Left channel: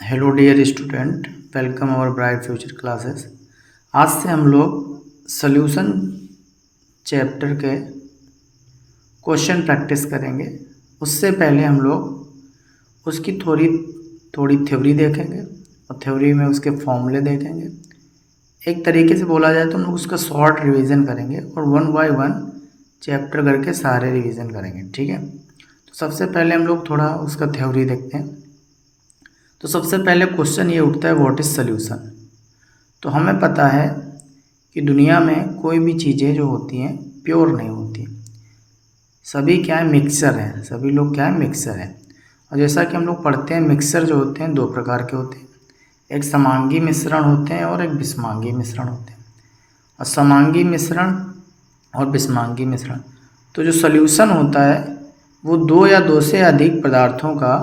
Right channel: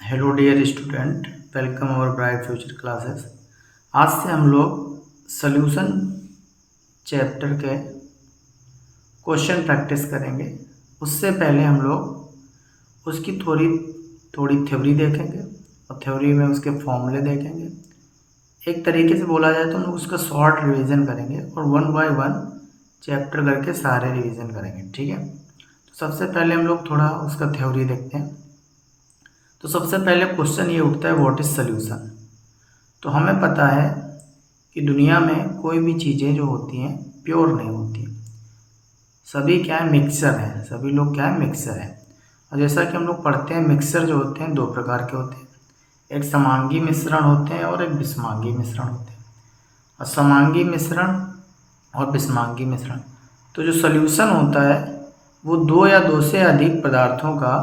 Hello dear student, welcome our bright future classes. आज से हम लोग सॉल्यूशन चैप्टर के क्वेश्चन प्रैक्टिस करेंगे। उससे पहले हम लोग उसकी थोड़ी थोड़ी थ्योरी देखेंगे और थ्योरी में उसके फॉर्मूले देखेंगे। एक तरीके से बोला जाए तो हम लोग उसका शॉर्ट रिवीजन करेंगे और वन बाय वन चैप्टर करके सारे रिवीजन करेंगे, ठीक है। तो सबसे पहले हम लोग थोड़ा उसका थ्योरी देखते हैं। तो सबसे पहले क्वेश्चन ये उठता है, व्हाट इज़ सॉल्यूशन। तो हमें पता है कि दुनिया में कोई भी चीज़ें जो होती हैं प्योर नहीं होती, सभी क्या है, मिक्सर हैं। सभी लोग क्या है, मिक्सर हैं। और जैसा कि हम लोग पढ़ते हैं, मिक्सर जो होते हैं दो प्रकार के होते हैं, एक समांगी मिश्रण होते हैं और एक विषमांगी मिश्रण होते हैं। और समांगी मिश्रण और विषमांगी मिश्रण, तो जो सॉल्यूशन होता है वो दो या दो से अधिक पदार्थों का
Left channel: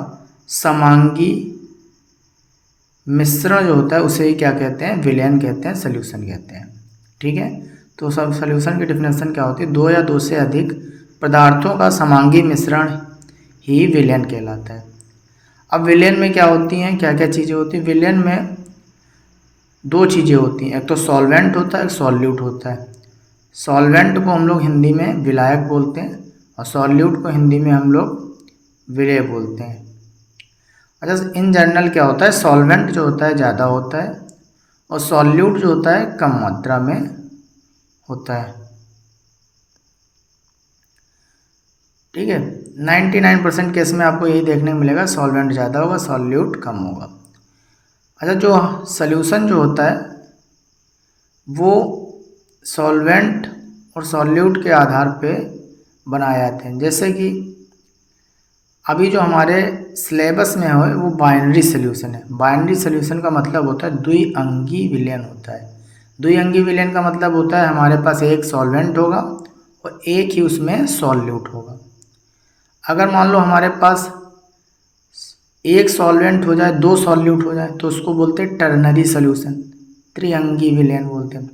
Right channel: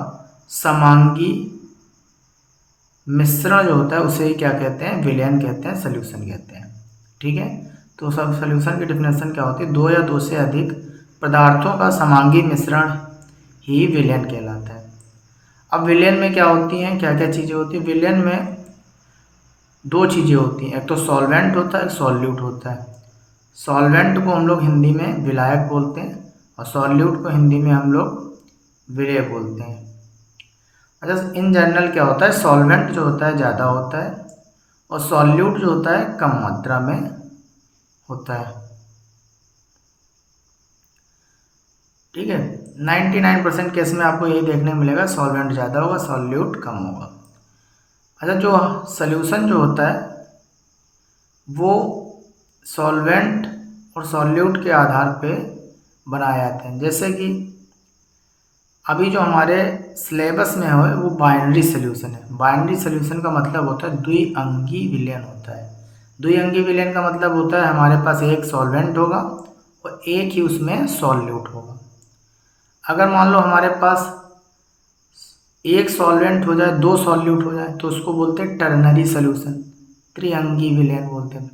समांगी मिश्रण जो होता है उसे ही क्या कहते हैं, विलयन कहते हैं, सॉल्यूशन कहते हैं, ठीक है। तो सब सॉल्यूशन की डिफिनेशन क्या होती है, दो या दो से अधिक पदार्थों का समांगी मिश्रण ही विलयन कहलाता है। अब विलयन में क्या होती हैं, क्या क्या चीज़ें होती हैं विलयन में? दो चीज़ें होती हैं, एक तो सॉल्वेंट होता है, एक सॉल्यूट होता है। सॉल्वेंट को हम लोग हिंदी में विलायक बोलते हैं और सॉल्यूट को हिंदी में हम लोग विलेय बोलते हैं। अच्छा, इन जनरल क्या होता है, सॉल्वेंट जो होता है ज़्यादा होता है और सॉल्यूट जो होता है कम मात्रा में होता है, ठीक है। 99% केस में आपको यही देखने को मिलेगा, सॉल्वेंट ज़्यादा होगा, सॉल्यूट कम होगा। अच्छा, जो सॉल्यूशन जो होता है वो सॉल्वेंट और सॉल्यूट के आधार पे बनाए जाते हैं। जैसे कि अभी जो हमारे सिलेबस में है वो बाइनरी सॉल्यूशन है। बाइनरी सॉल्यूशन का मतलब होता है द्विअंगी विलयन होता है। द्विअंगी विलयन का मतलब होता है हमारे पास एक सॉल्वेंट होगा और एक ही उसमें सॉल्यूट होगा। अगर मान लो हमारे पास एक सॉल्वेंट हो जाए, दो सॉल्यूट हो जाए, तो उसको बोलते हैं टर्नरी सॉल्यूशन, त्रिअंगी विलयन बोलते हैं।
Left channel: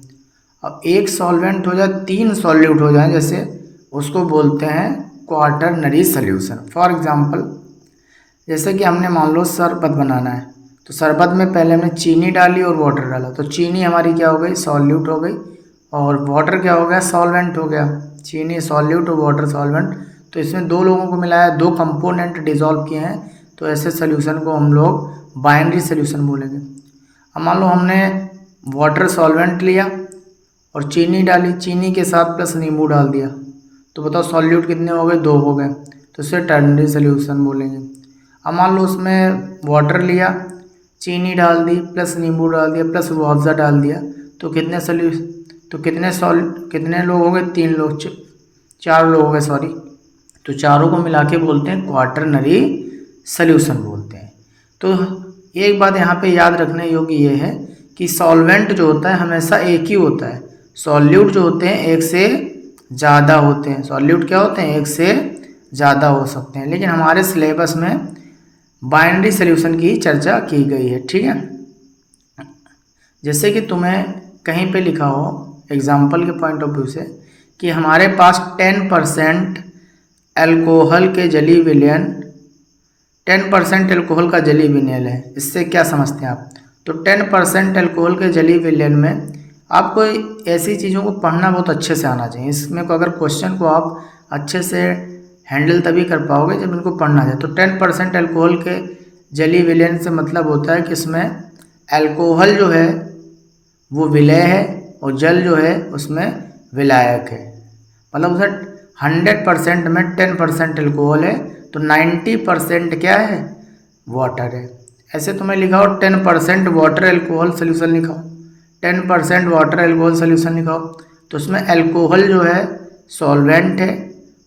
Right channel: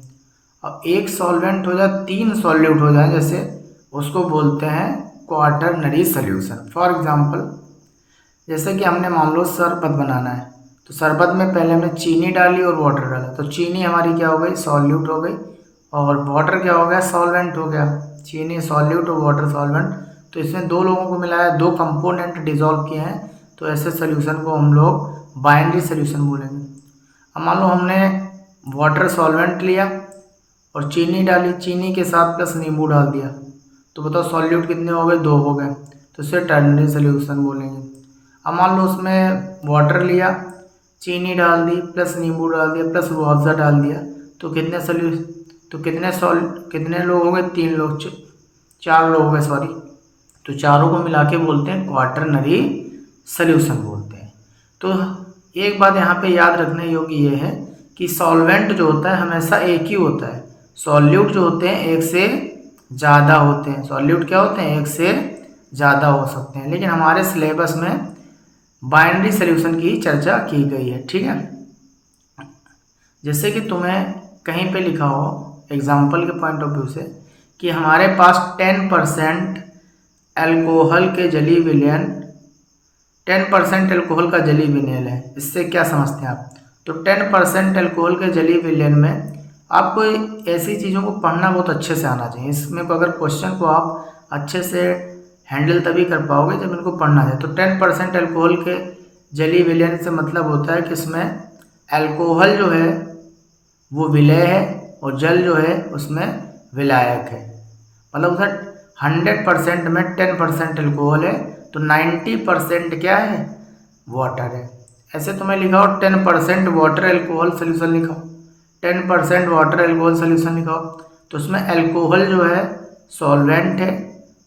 अब एक सॉल्वेंट हो जाए, तीन सॉल्यूट हो जाए, जैसे उसको बोलते हैं क्वाटरनरी सॉल्यूशन। फॉर एग्जांपल, जैसे कि हमने मान लो शरबत बनाना है, तो शरबत में पहले हमने चीनी डाली और वाटर डाला, तो चीनी हमारी क्या हो गई, सॉल्यूट हो गई, और वाटर क्या हो गया, सॉल्वेंट हो गया। चीनी सॉल्यूट और वाटर सॉल्वेंट, तो इसमें दो लोगों को मिलाया, दो कंपोनेंट डिजॉल्व किए हैं, तो ऐसे सोल्यूशन को हम लोग बाइनरी सोल्यूशन बोलेंगे। अब मान लो हमने वाटर सॉल्वेंट लिया और चीनी डाली, चीनी के साथ प्लस नींबू डाल दिया, तो बताओ सॉल्यूट कितने हो गए, दो हो गए, तो इसे टर्नरी सोल्यूशन बोलेंगे। अब मान लो उसमें वाटर लिया, चीनी डाल दी, प्लस नींबू डाल दिया, प्लस रूह अफ़ज़ा डाल दिया, तो कितने सोल्यूशन, तो कितने लोग हो गए, तीन लोग, चार लोग हो गए, सॉरी। तो चारों को मिला के बोलते हैं क्वाटरनरी सॉल्यूशन बोलते हैं। तो एक बात यहाँ पे याद रखने योग्य ये है कि सॉल्वेंट जो होता है हमेशा एक ही होता है, सॉल्यूट जो होते हैं एक से ज़्यादा होते हैं। सॉल्यूट क्या होते हैं, एक से ज़्यादा हो सकते हैं, लेकिन हमारे सिलेबस में बाइनरी सॉल्यूशन की चर्चा की गई है, ठीक है। जैसे कि तुम्हें कहीं पे लिखा हो एग्जाम्पल के पॉइंट ऑफ व्यू से कि हमारे पास 10% अल्कोहल के जली विलयन, 10% अल्कोहल का जली विलयन है, इससे क्या समझते हैं आप? तो 10% अल्कोहल के जली विलयन में आपको ऐसी चीज़ों को पढ़ना बहुत अच्छे से आना चाहिए। इसमें को अगर क्वेश्चन को आप अच्छे से हैंडल तभी कर पाओगे जब इनको पढ़ना जाए। तो 10% अल्कोहल के जली विलयन से मतलब होता है कि इसमें अल्कोहल जो है वो विलेय है और जल जो है उसमें विलायक है। मतलब उसे 100% में 10% अल्कोहल है तो 90% क्या है, वाटर है। ऐसे तुम्हें लिखा हो 10% वाटर अल्कोहल सोल्यूशन लिखाओ, 10% वाटर अल्कोहल सोल्यूशन लिखाओ, तो उसमें अल्कोहल जो है सॉल्वेंट है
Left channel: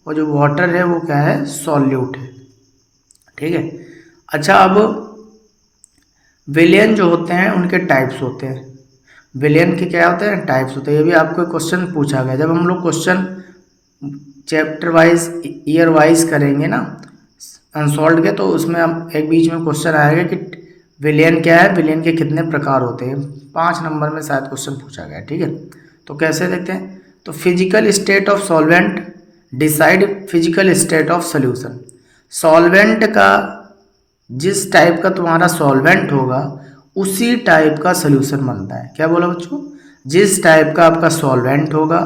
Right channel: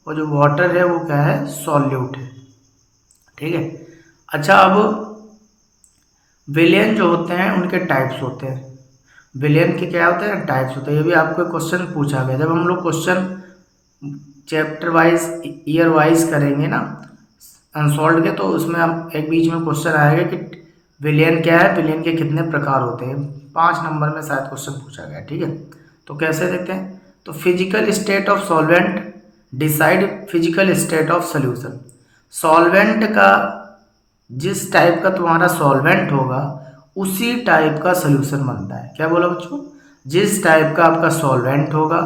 और जो वाटर है वो क्या है, सॉल्यूट है, ठीक है। अच्छा, अब विलयन जो होते हैं उनके टाइप्स होते हैं। विलयन के क्या होते हैं, टाइप्स होते हैं। ये भी आपको क्वेश्चन पूछा गया, जब हम लोग question chapter wise year wise करेंगे ना अनसॉल्व के, तो उसमें हम एक बीच में क्वेश्चन आएगा कि विलयन क्या है, विलयन के कितने प्रकार होते हैं। 5 नंबर में शायद क्वेश्चन पूछा गया, ठीक है। तो कैसे देखते हैं, तो physical state of solvent decide physical state of solution. Solvent का जिस टाइप का तुम्हारा सॉल्वेंट होगा उसी टाइप का सोल्यूशन बनता है। क्या बोला बच्चों? जिस टाइप का आपका सॉल्वेंट होगा,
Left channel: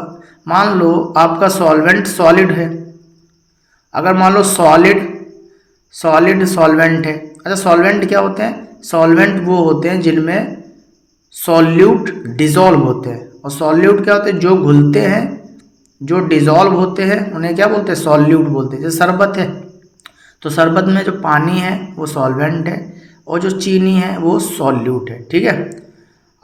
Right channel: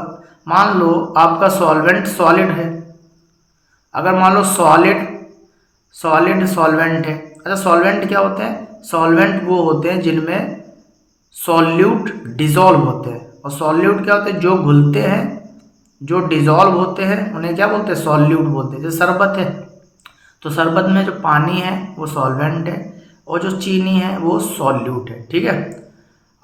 मान लो आपका सॉल्वेंट सॉलिड है, अगर मान लो सॉलिड सॉलिड सॉल्वेंट है। अच्छा, सॉल्वेंट क्या होते हैं? सॉल्वेंट वो होते हैं जिनमें सॉल्यूट डिजॉल्व होते हैं, और सॉल्यूट क्या होते हैं? जो घुलते हैं, जो डिजॉल्व होते हैं उन्हें क्या बोलते हैं? सॉल्यूट बोलते हैं। जैसे शरबत है, तो शरबत में जो पानी है वो सॉल्वेंट है, और जो चीनी है वो सॉल्यूट है। ठीक है।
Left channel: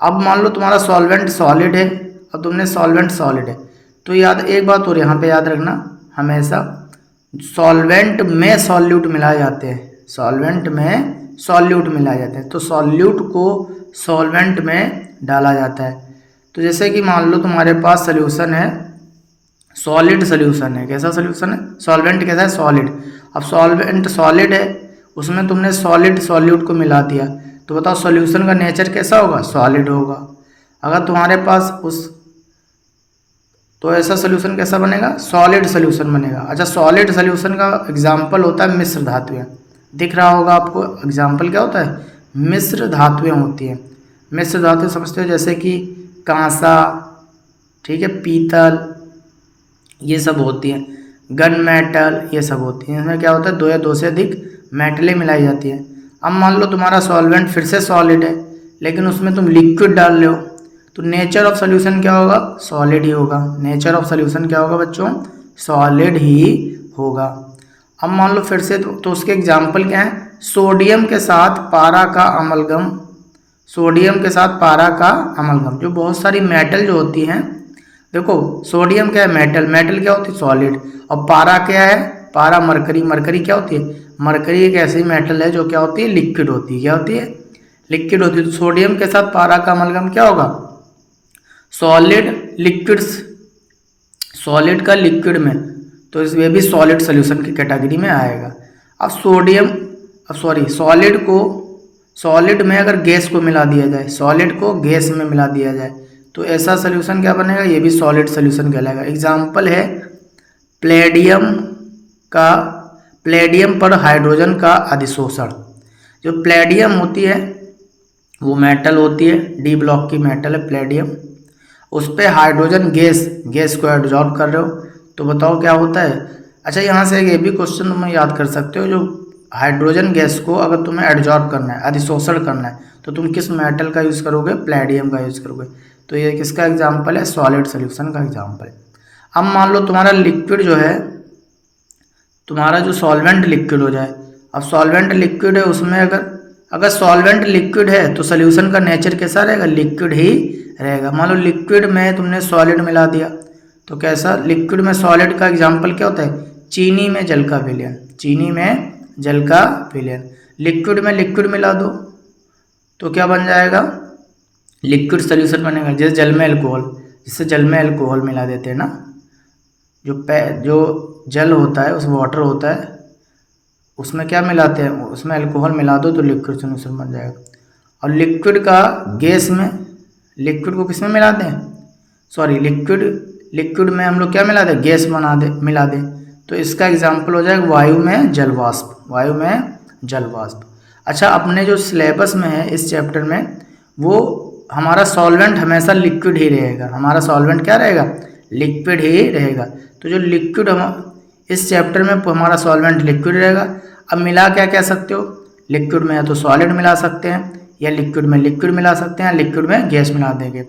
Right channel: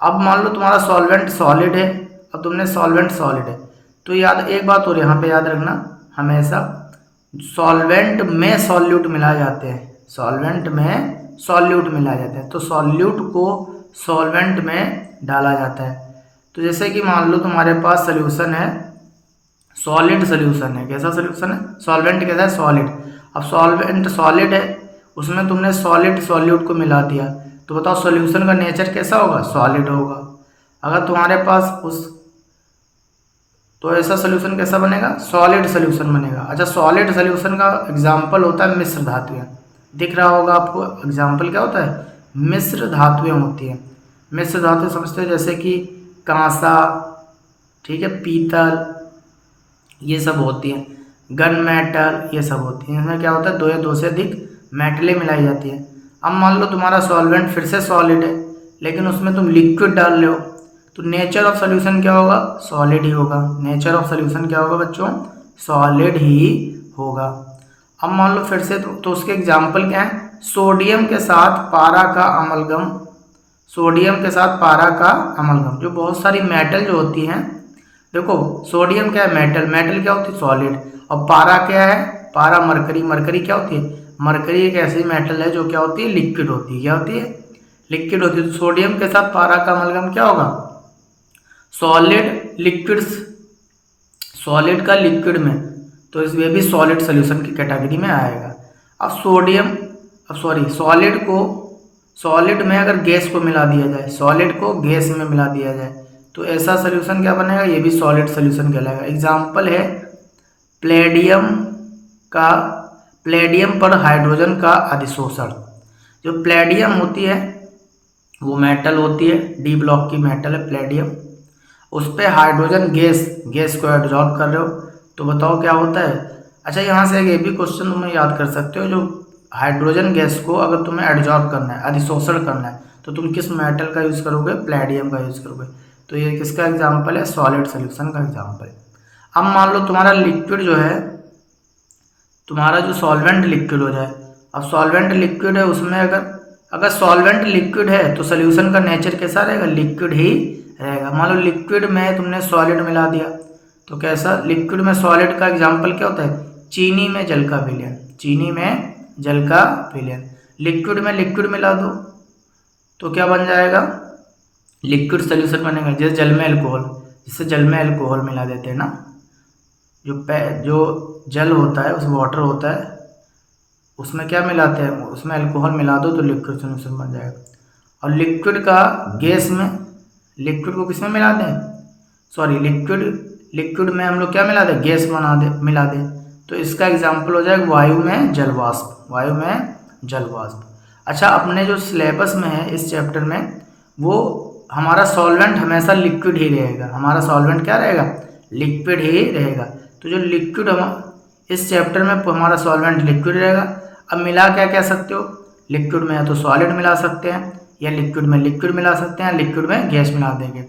अब मान लो तुम्हारा सॉल्वेंट सॉलिड है और तुमने सॉल्वेंट सॉलिड है, तो याद एक बात और यहाँ पे याद रखना, हमेशा सॉल्वेंट में सॉल्यूट मिलाए जाते हैं, सॉल्वेंट में सॉल्यूट मिलाए जाते हैं, तो सॉल्यूट को सॉल्वेंट में डाला जाता है। तो जैसे कि मान लो तुम्हारे पास सोल्यूशन है, सॉलिड सोल्यूशन है। कैसा सोल्यूशन है? सॉल्वेंट कैसा है? सॉलिड। अब सॉल्वेंट सॉलिड है, उसमें तुमने सॉलिड सॉल्यूट को मिला दिया, तो बताओ सॉल्यूशन का नेचर कैसा होगा? सॉलिड होगा। अगर तुम्हारे पास उस तो ऐसा सोल्यूशन कैसा बनेगा? सॉलिड सोल्यूशन बनेगा। अच्छा, सॉलिड सोल्यूशन का एग्जाम्पल होता है मिश्र धातुएं। दिख रहा होगा आपको, एग्जाम्पल क्या होता है? मिश्र धातुएं होती हैं। मिश्र धातु समझते हो, जैसे कि कांसा, ठीक है, पीतल, ये सब होती हैं, गन मेटल, ये सब होती हैं। इसमें क्या होता है? दो या दो से अधिक मेटलें मिलाई जाती हैं। अब मान लो तुम्हारा सॉल्वेंट फिर से सॉलिड है, लेकिन उसमें तुम लिक्विड डाल रहे हो, तो नेचर ऑफ सोल्यूशन क्या होगा? सॉलिड ही होगा। नेचर ऑफ सोल्यूशन क्या होगा बच्चों? सॉलिड ही होगा। अब मान लो फिर से, तो उसके एग्जाम्पल क्या है? सोडियम के साथ पारा का अमलगम, सोडियम के साथ पारा का अमलगम, जो बहुत सारी मेटल जो होती हैं, देखो सोडियम क्या है? मेटल। मेटल क्या होती है? सॉलिड। और पारा क्या है? पारा मरकरी। मरकरी क्या होती है? मरकरी एक ऐसी मेटल है जो क्या होती है? लिक्विड होती है। क्या होती है? लिक्विड होती है। तो सोडियम के साथ पारा का अमलगम क्या होगा? सॉलिड लिक्विड्स, सॉलिड का लिक्विड में, तो ये भी सॉलिड सोल्यूशन की कैटेगरी में आएगा। अब सोडियम, अब सॉरी, सॉलिड को, सॉलिड में अगर गैस को मिला दिया जाए, सॉलिड को गैस में मिला दिया जाए, तो ऐसा सोल्यूशन क्या बनेगा? ये भी सॉलिड सोल्यूशन कहलाएगा। एग्जाम्पल है प्लेडियम का, प्लेडियम पर हाइड्रोजन का अधिशोषण। जो प्लेडियम होती है वो मेटल होती है, डी ब्लॉक की मेटल है प्लेडियम, उस पर हाइड्रोजन गैस, गैस को एब्जॉर्ब कर रहे हो, तो बताओ क्या होता है? अच्छा, यहाँ से एक ये भी क्वेश्चन तुम याद कर सकते हो, जो हाइड्रोजन गैस को अगर तुम्हें एब्जॉर्ब करना है, अधिशोषण करना है, तो तुम किस मेटल का यूज़ करोगे? प्लेडियम का यूज़ करोगे। तो ये किसका एग्जाम्पल है? सॉलिड सोल्यूशन का एग्जाम्पल है। अब मान लो तुम्हारा लिक्विड जो है, तुम्हारा जो सॉल्वेंट लिक्विड हो जाए, अब सॉल्वेंट लिक्विड है, उसमें अगर सॉल्वेंट लिक्विड है तो सोल्यूशन का नेचर कैसा रहेगा? लिक्विड ही रहेगा। मान लो लिक्विड में तुमने सॉलिड मिला दिया, तो कैसा? लिक्विड में सॉलिड का एग्जाम्पल क्या होता है? चीनी में जल का विलयन, चीनी में जल का विलयन। लिक्विड में लिक्विड मिला दो तो क्या बन जाएगा? लिक्विड सोल्यूशन बनेगा। जैसे जल में अल्कोहल, जिससे जल में अल्कोहल मिला देते हैं ना, जो जल होता है, उस वाटर होता है, उसमें क्या मिलाते हैं? उसमें अल्कोहल मिला दो तो लिक्विड सोल्यूशन बन जाएगा। और लिक्विड का गैस में, लिक्विड को किस में मिला दें? सॉरी, लिक्विड में हम लोग क्या मिला दें? गैस मिला दें, तो इसका एग्जाम्पल हो जाएगा वायु में जल वाष्प, वायु में जल वाष्प। अच्छा, अपने जो सिलेबस में है इस चैप्टर में, वो हमारा सॉल्वेंट हमेशा लिक्विड ही रहेगा। हमारा सॉल्वेंट क्या रहेगा? लिक्विड ही रहेगा। तो जो लिक्विड हम इस चैप्टर में हमारा सॉल्वेंट लिक्विड रहेगा। अब मिला क्या कह सकते हो? लिक्विड में है तो सॉलिड मिला सकते हैं, या लिक्विड में लिक्विड मिला सकते हैं, या लिक्विड में गैस मिला देंगे।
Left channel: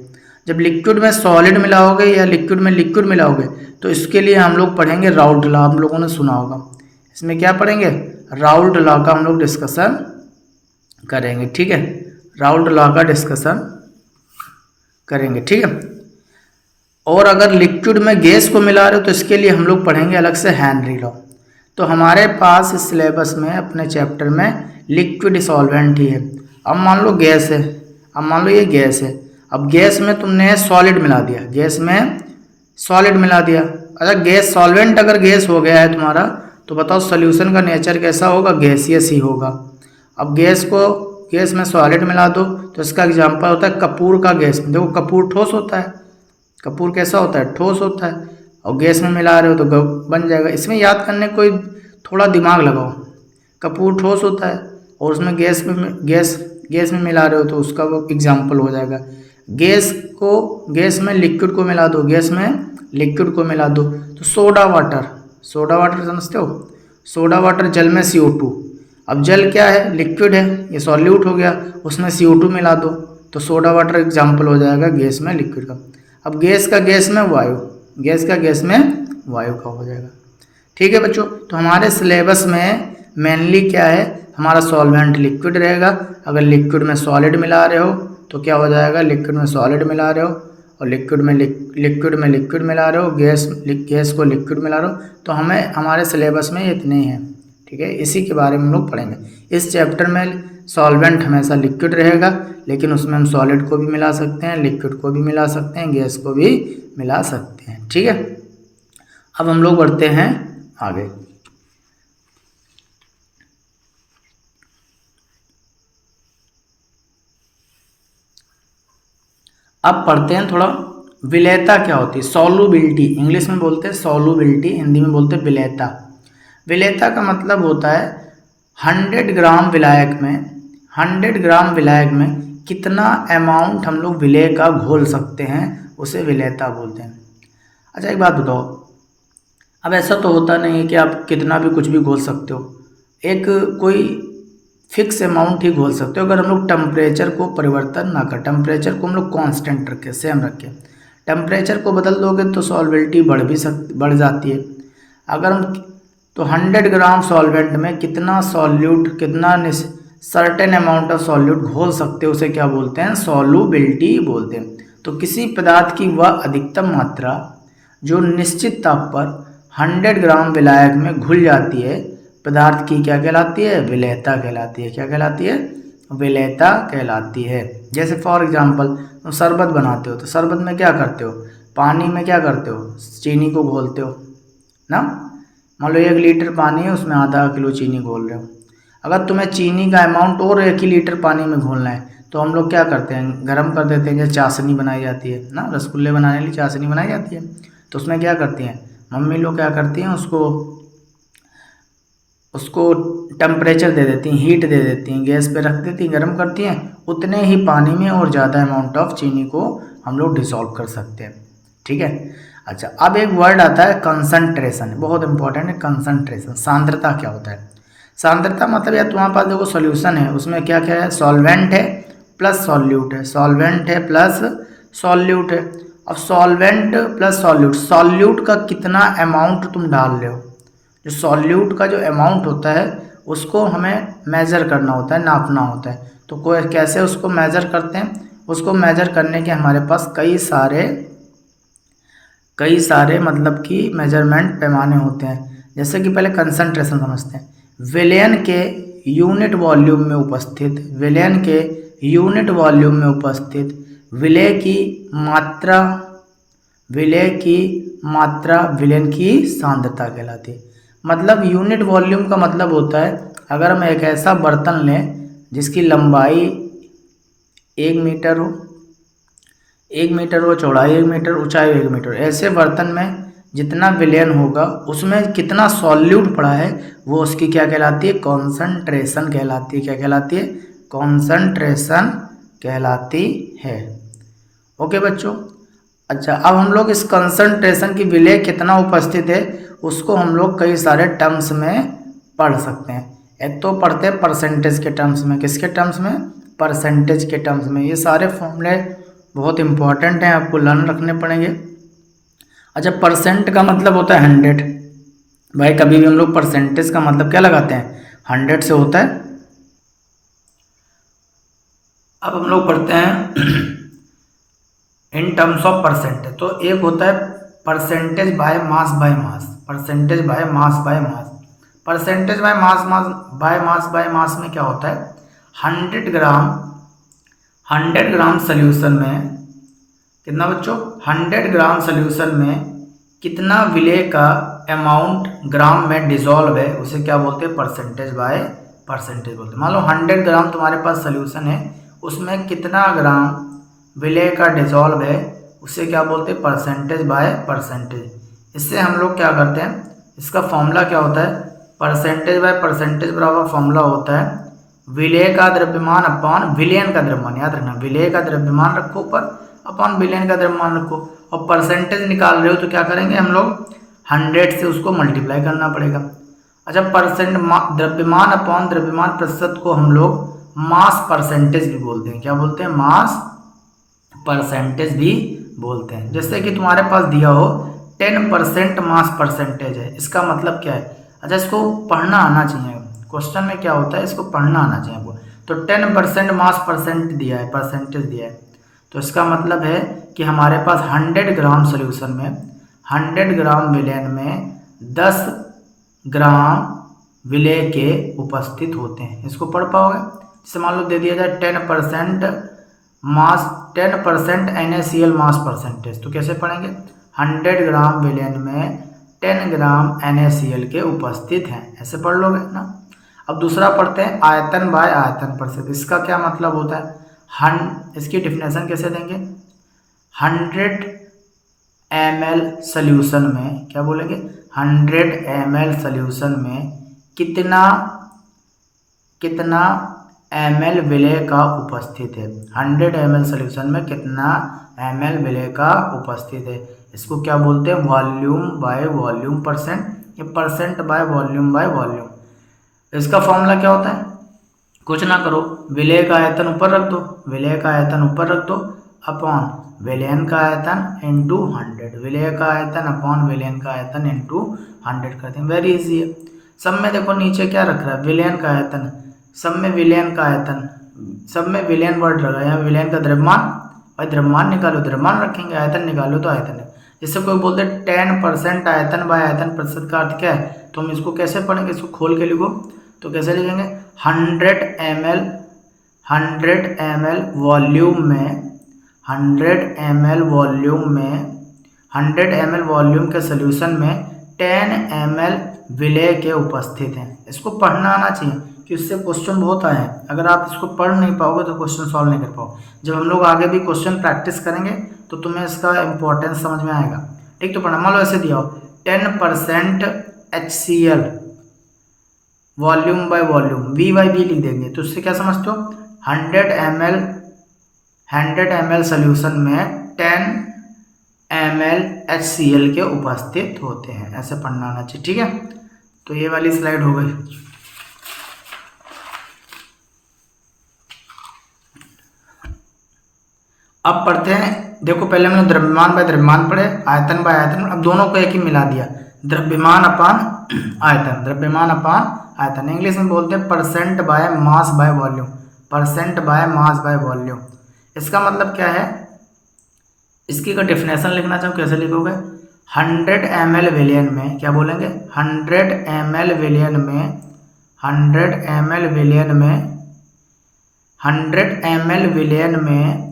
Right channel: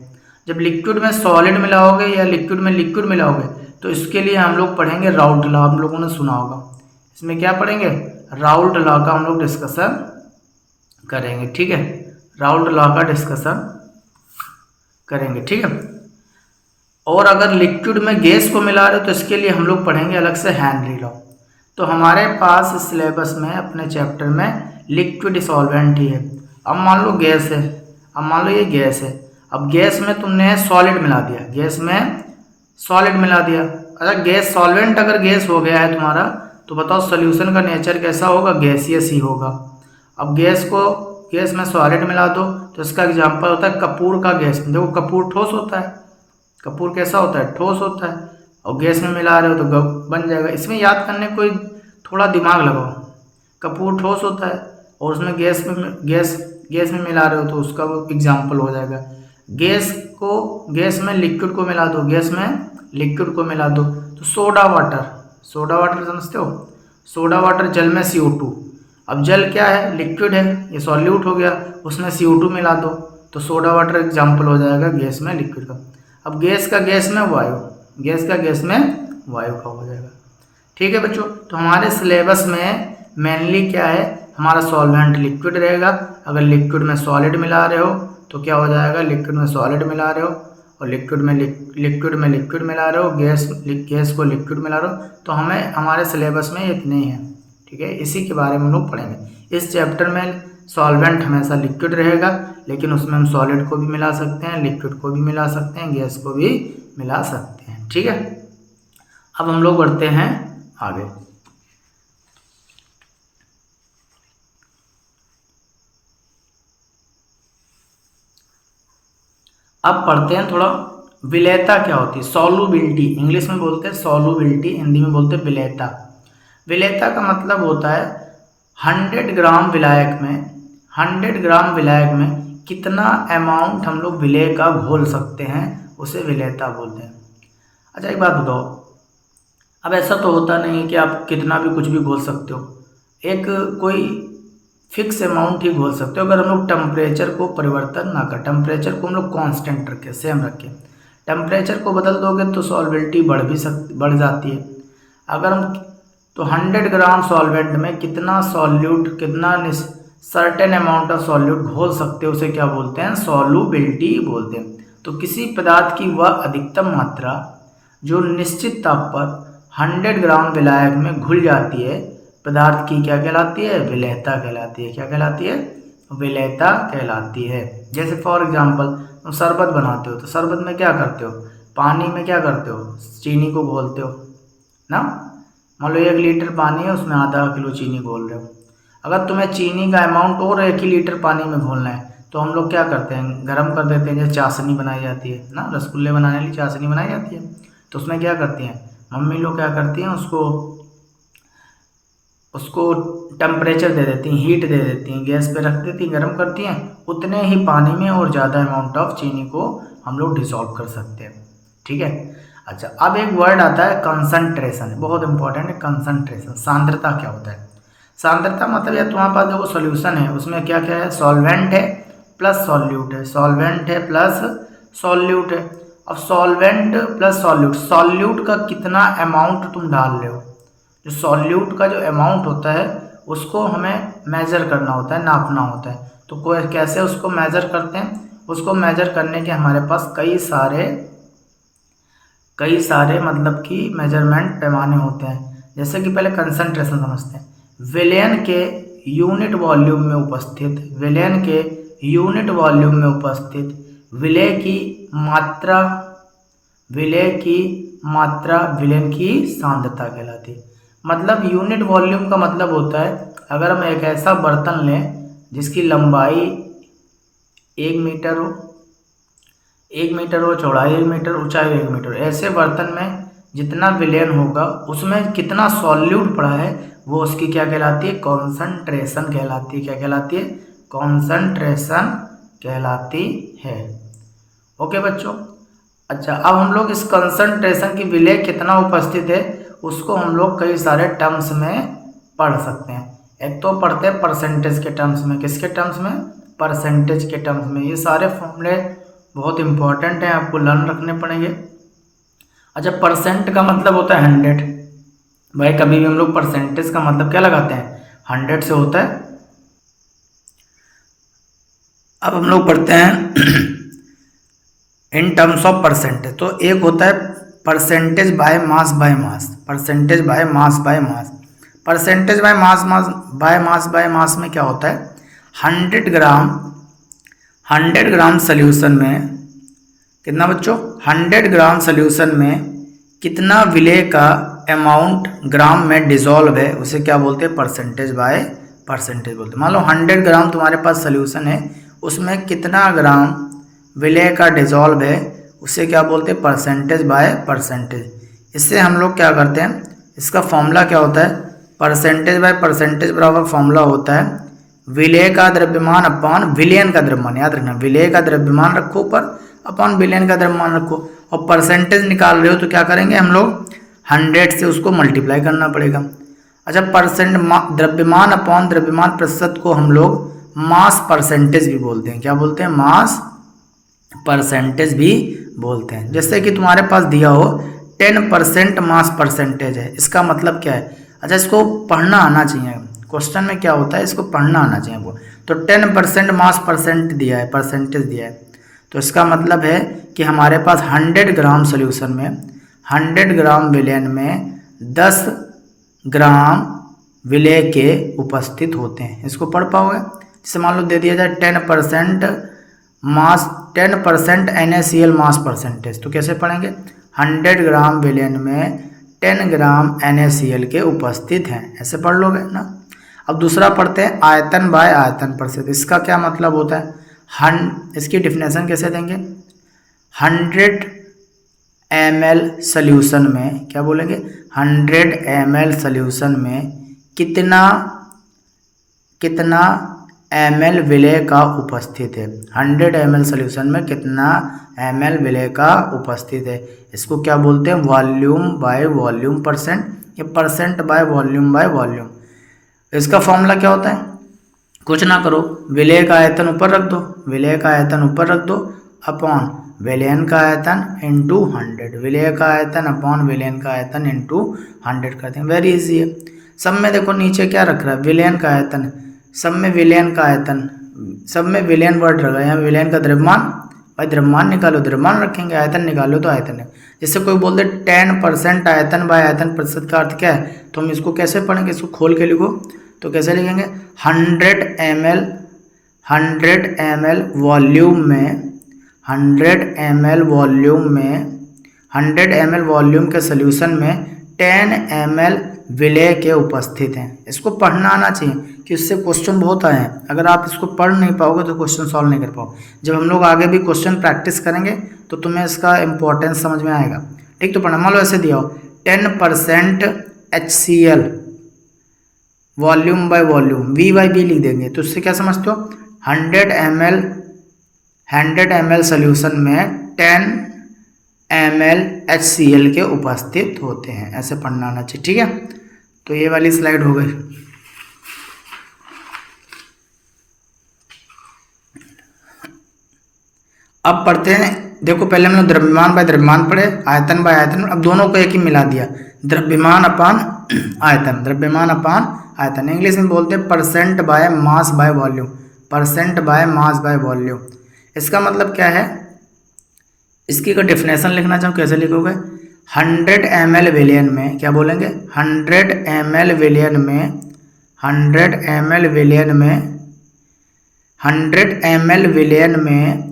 जब लिक्विड में सॉलिड मिलाओगे या लिक्विड में लिक्विड मिलाओगे, तो इसके लिए हम लोग पढ़ेंगे राउल्ट लॉ। आप लोगों ने सुना होगा। इसमें क्या पढ़ेंगे? राउल्ट लॉ का हम लोग डिस्कशन करेंगे। ठीक है, राउल्ट लॉ का डिस्कशन करेंगे। ठीक है। और अगर लिक्विड में गैस को मिला रहे हो तो इसके लिए हम लोग पढ़ेंगे अलग से हेनरी लॉ। तो हमारे पास सिलेबस में अपने चैप्टर में लिक्विड सॉल्वेंट ही है। अब मान लो गैस है, अब मान लो ये गैस है, अब गैस में तुमने सॉलिड मिला दिया, गैस में सॉलिड मिला दिया। अच्छा, गैस सॉल्वेंट अगर गैस हो गया है तुम्हारा, तो बताओ सोल्यूशन का नेचर कैसा होगा? गैसियस ही होगा। अब गैस में सॉलिड मिला दो, तो इसका एग्जाम्पल होता है कपूर का गैस। देखो कपूर ठोस होता है, कपूर कैसा होता है? ठोस होता है। और गैस में मिला रहे हो तो बन जाएगा। इसमें याद करने कोई थोड़ा दिमाग लगाओ। कपूर ठोस होता है, और उसमें गैस में मिला रहे हो तो उसका वो एग्जाम्पल हो जाएगा। गैस में लिक्विड को मिला दो, गैस में लिक्विड को मिला दो तो सोडा वाटर समझते हो, सोडा वाटर जल में CO2। अब जल क्या है, लिक्विड है, ये सॉल्यूट हो गया, उसमें CO2 मिला दो तो सोडा वाटर एग्जाम्पल हो जाएगा गैस में लिक्विड का। अब गैस का गैस में वायु, गैस का गैस में वायु का हो जाएगा। ठीक है बच्चों, तो हमारे सिलेबस में मेनली क्या है, हमारा सॉल्वेंट लिक्विड रहेगा। अगर लिक्विड में सॉलिड मिला रहे हो तो क्या हो जाएगा, लिक्विड में सॉलिड मिला रहे हो और लिक्विड में लिक्विड मिला रहे हो, गैस को लिक्विड मिला रहे हो, तो हमें हमारे सिलेबस में इतने ही हैं। ठीक है, इसी के बारे में हम लोग पढ़ेंगे। इस चैप्टर में सॉल्वेंट हमेशा लिक्विड रहेगा, लेकिन उसमें हम सॉलिड को भी मिला सकते हैं, लिक्विड को भी मिला सकते हैं, गैस को भी मिला सकते हैं। ठीक है, अब हम लोग बढ़ते हैं आगे। अब पढ़ते हैं थोड़ा विलेयता क्या होती है, सॉल्युबिलिटी, इंग्लिश में बोलते हैं सॉल्युबिलिटी, हिंदी में बोलते हैं विलेयता। विलेयता का मतलब होता है 100 ग्राम विलायक में कितना अमाउंट हम लोग विलेय का घोल सकते हैं, उसे विलेयता बोलते हैं। अच्छा एक बात बताओ, अब ऐसा तो होता नहीं है कि आप कितना भी कुछ भी घोल सकते हो, एक कोई फिक्स अमाउंट ही घोल सकते हो। अगर हम लोग टेम्परेचर को परिवर्तन ना कर, टेम्परेचर को हम लोग कांस्टेंट रखें, सेम रखें, टेम्परेचर को बदल दोगे तो सॉल्बिलिटी बढ़ जाती है। अगर हम तो 100 ग्राम सॉल्वेंट में कितना सर्टेन अमाउंट ऑफ सॉल्यूट घोल सकते हो, उसे क्या बोलते हैं, सॉल्युबिलिटी बोलते हैं। तो किसी पदार्थ की वह अधिकतम मात्रा जो निश्चित ताप पर 100 ग्राम विलायक में घुल जाती है, पदार्थ की क्या कहलाती है, विलेयता कहलाती है। क्या कहलाती है, विलेयता कहलाती है। जैसे फॉर एग्जांपल तुम शरबत बनाते हो तो शरबत में क्या करते हो, पानी में क्या करते हो, चीनी को घोलते हो ना। मान लो 1 लीटर पानी है, उसमें आधा किलो चीनी घोल रहे हो। अगर तुम्हें चीनी का अमाउंट और 1 ही लीटर पानी में घोलना है तो हम लोग क्या करते हैं, गर्म कर देते हैं। जैसे चाशनी बनाई जाती है ना, रसगुल्ले बनाने के लिए चाशनी बनाई जाती है, तो उसमें क्या करती हैं मम्मी लोग, क्या करती हैं, उसको टेम्परेचर दे देती हैं, हीट दे देती हैं, गैस पे रख देती हैं, गर्म करती हैं, उतने ही पानी में और ज़्यादा अमाउंट ऑफ चीनी को हम लोग डिसॉल्व कर सकते हैं। ठीक है, अच्छा अब एक वर्ड आता है कंसंट्रेशन, बहुत इंपॉर्टेंट है कंसंट्रेशन। सांद्रता क्या होता है, सांद्रता मतलब या तुम्हारे पास देखो सोल्यूशन है, उसमें क्या क्या है, सॉल्वेंट है प्लस सॉल्यूट है, सॉल्वेंट है प्लस सॉल्यूट है। अब सॉल्वेंट प्लस सॉल्यूट का कितना अमाउंट तुम डाल रहे हो, जो सॉल्यूट का जो अमाउंट होता है उसको हमें मेज़र करना होता है, नापना होता है। तो कोई कैसे उसको मेज़र करते हैं, उसको मेज़र करने के हमारे पास कई सारे मतलब कि मेजरमेंट पैमाने होते हैं। जैसे कि पहले कंसंट्रेशन समझते हैं, विलयन के यूनिट वॉल्यूम में उपस्थित विलय की मात्रा विलयन की सांद्रता कहलाती है। मतलब यूनिट वॉल्यूम का मतलब होता है, अगर हम एक ऐसा बर्तन लें जिसकी लंबाई 1 मीटर हो, 1 मीटर हो, चौड़ाई 1 मीटर, ऊंचाई 1 मीटर, ऐसे बर्तन में जितना विलयन होगा उसमें कितना सॉल्यूट पड़ा है, वो उसकी क्या कहलाती है, कॉन्सनट्रेशन कहलाती है। क्या कहलाती है, कॉन्सनट्रेशन कहलाती है। ओके बच्चों, अच्छा अब हम लोग इस कंसंट्रेशन की विलय कितना उपस्थित है उसको हम लोग कई सारे टर्म्स में पढ़ सकते हैं। एक तो पढ़ते हैं परसेंटेज के टर्म्स में, किसके टर्म्स में, परसेंटेज के टर्म्स में। ये सारे फॉर्मूले बहुत इंपॉर्टेंट हैं, आपको लर्न रखने पड़ेंगे। अच्छा परसेंट का मतलब होता है 100, भाई कभी भी हम लोग परसेंटेज का मतलब क्या लगाते हैं, 100 से होता है। अब हम लोग पढ़ते हैं इन टर्म्स ऑफ परसेंटेज। तो एक होता है percentage by mass by mass, percentage by mass by mass. Percentage by mass में क्या होता है, 100 ग्राम सोल्यूशन में कितना बच्चों, 100 ग्राम सोल्यूशन में कितना विलय का अमाउंट ग्राम में डिसॉल्व है, उसे क्या बोलते हैं, परसेंटेज बाय परसेंटेज बोलते हैं। मान लो 100 ग्राम तुम्हारे पास सोल्यूशन है, उसमें कितना ग्राम विलय का डिसॉल्व है, उसे क्या बोलते हैं, परसेंटेज बाय परसेंटेज। इससे हम लोग क्या करते हैं, इसका फॉर्मूला क्या होता है, परसेंटेज बाय परसेंटेज बराबर फॉर्मूला होता है विलेय का द्रव्यमान अपॉन विलयन का द्रव्यमान, याद रखना विलेय का द्रव्यमान रखो ऊपर अपॉन विलयन का द्रव्यमान रखो, और परसेंटेज निकाल रहे हो तो क्या करेंगे हम लोग 100 से उसको मल्टीप्लाई करना पड़ेगा। अच्छा, द्रव्यमान अपॉन द्रव्यमान प्रतिशत को हम लोग मास परसेंटेज भी बोलते हैं। क्या बोलते हैं? मास परसेंटेज भी बोलते हैं। जैसे कि तुम्हारे पास दिया हो 10% मास परसेंटेज है, इसका मतलब क्या है? अच्छा, इसको पढ़ना आना चाहिए, क्वेश्चन में क्या होता है इसको पढ़ना आना चाहिए आपको। तो 10% मास परसेंट दिया है, परसेंटेज दिया है, तो इसका मतलब है कि हमारे पास 100 ग्राम सोल्यूशन में 100 ग्राम विलयन में 10 ग्राम विलेय के उपस्थित होते हैं। इसको पढ़ पाओगे? जैसे मान लो दे दिया जाए 10% मास 10% NaCl मास परसेंटेज, तो कैसे पढ़ेंगे? 100 ग्राम विलयन में 10 ग्राम NaCl के उपस्थित हैं, ऐसे पढ़ लोगे ना। अब दूसरा पढ़ते हैं आयतन बाय आयतन प्रतिशत। इसका क्या मतलब होता है? इसकी डिफिनेशन कैसे देंगे? 100 ml सोल्यूशन में क्या बोलेंगे? 100 ml सोल्यूशन में कितना ml विलेय का उपस्थित है। 100 ml सोल्यूशन में कितना ml विलेय का उपस्थित है, इसको क्या बोलते हैं? वॉल्यूम बाय वॉल्यूम परसेंट, या percent by volume by volume. इसका फॉर्मूला क्या होता है? कुछ ना करो, विलेय का आयतन ऊपर रख दो, विलेय का आयतन ऊपर रख दो अपॉन विलयन का आयतन इंटू 100, विलेय का आयतन अपॉन विलयन का आयतन इंटू 100 कर देंगे। वेरी इजी है। सब में देखो नीचे क्या रख रहा है? विलयन का आयतन, सब में विलयन का आयतन, सब में विलयन वर्ड रखा है, यहाँ विलयन का द्रव्यमान, भाई द्रव्यमान निकालो द्रव्यमान रखेंगे, आयतन निकालो तो आयतन है। जैसे कोई बोलते 10% आयतन बाय आयतन प्रतिशत का अर्थ क्या है, तो हम इसको कैसे पढ़ेंगे? इसको खोल के लिखो तो कैसे लिखेंगे? 100 ml वॉल्यूम में 100 ml वॉल्यूम के सोल्यूशन में 10 ml विलेय के उपस्थित हैं। इसको पढ़ना आना चाहिए कि इससे क्वेश्चन बहुत आए हैं। अगर आप इसको पढ़ नहीं पाओगे तो क्वेश्चन सॉल्व नहीं कर पाओगे। जब हम लोग आगे भी क्वेश्चन प्रैक्टिस करेंगे तो तुम्हें इसका इंपॉर्टेंस समझ में आएगा। ठीक, तो पढ़ना। मान लो ऐसे दिया हो 10% HCl volume by volume, V/V लिख देंगे तो इससे क्या समझते हो? 100 ml सोल्यूशन में 10 ml HCl के उपस्थित होते हैं, ऐसे पढ़ना आना चाहिए। ठीक है, तो ये वाली स्लाइड हो गई। अब पढ़ते हैं, देखो पहले हमने द्रव्यमान बाय द्रव्यमान पढ़े, आयतन बाय आयतन, अब दोनों को एक ही मिला दिया, द्रव्यमान अपान आयतन, द्रव्यमान अपान आयतन। इंग्लिश में बोलते हैं percent by mass by volume, percent by mass by volume. इसका मतलब क्या है? इसकी का डेफिनेशन लिखना चाहूँ, कैसे लिखोगे? 100 ml विलयन में क्या बोलेंगे? 100 ml विलयन में 100 ml विलयन में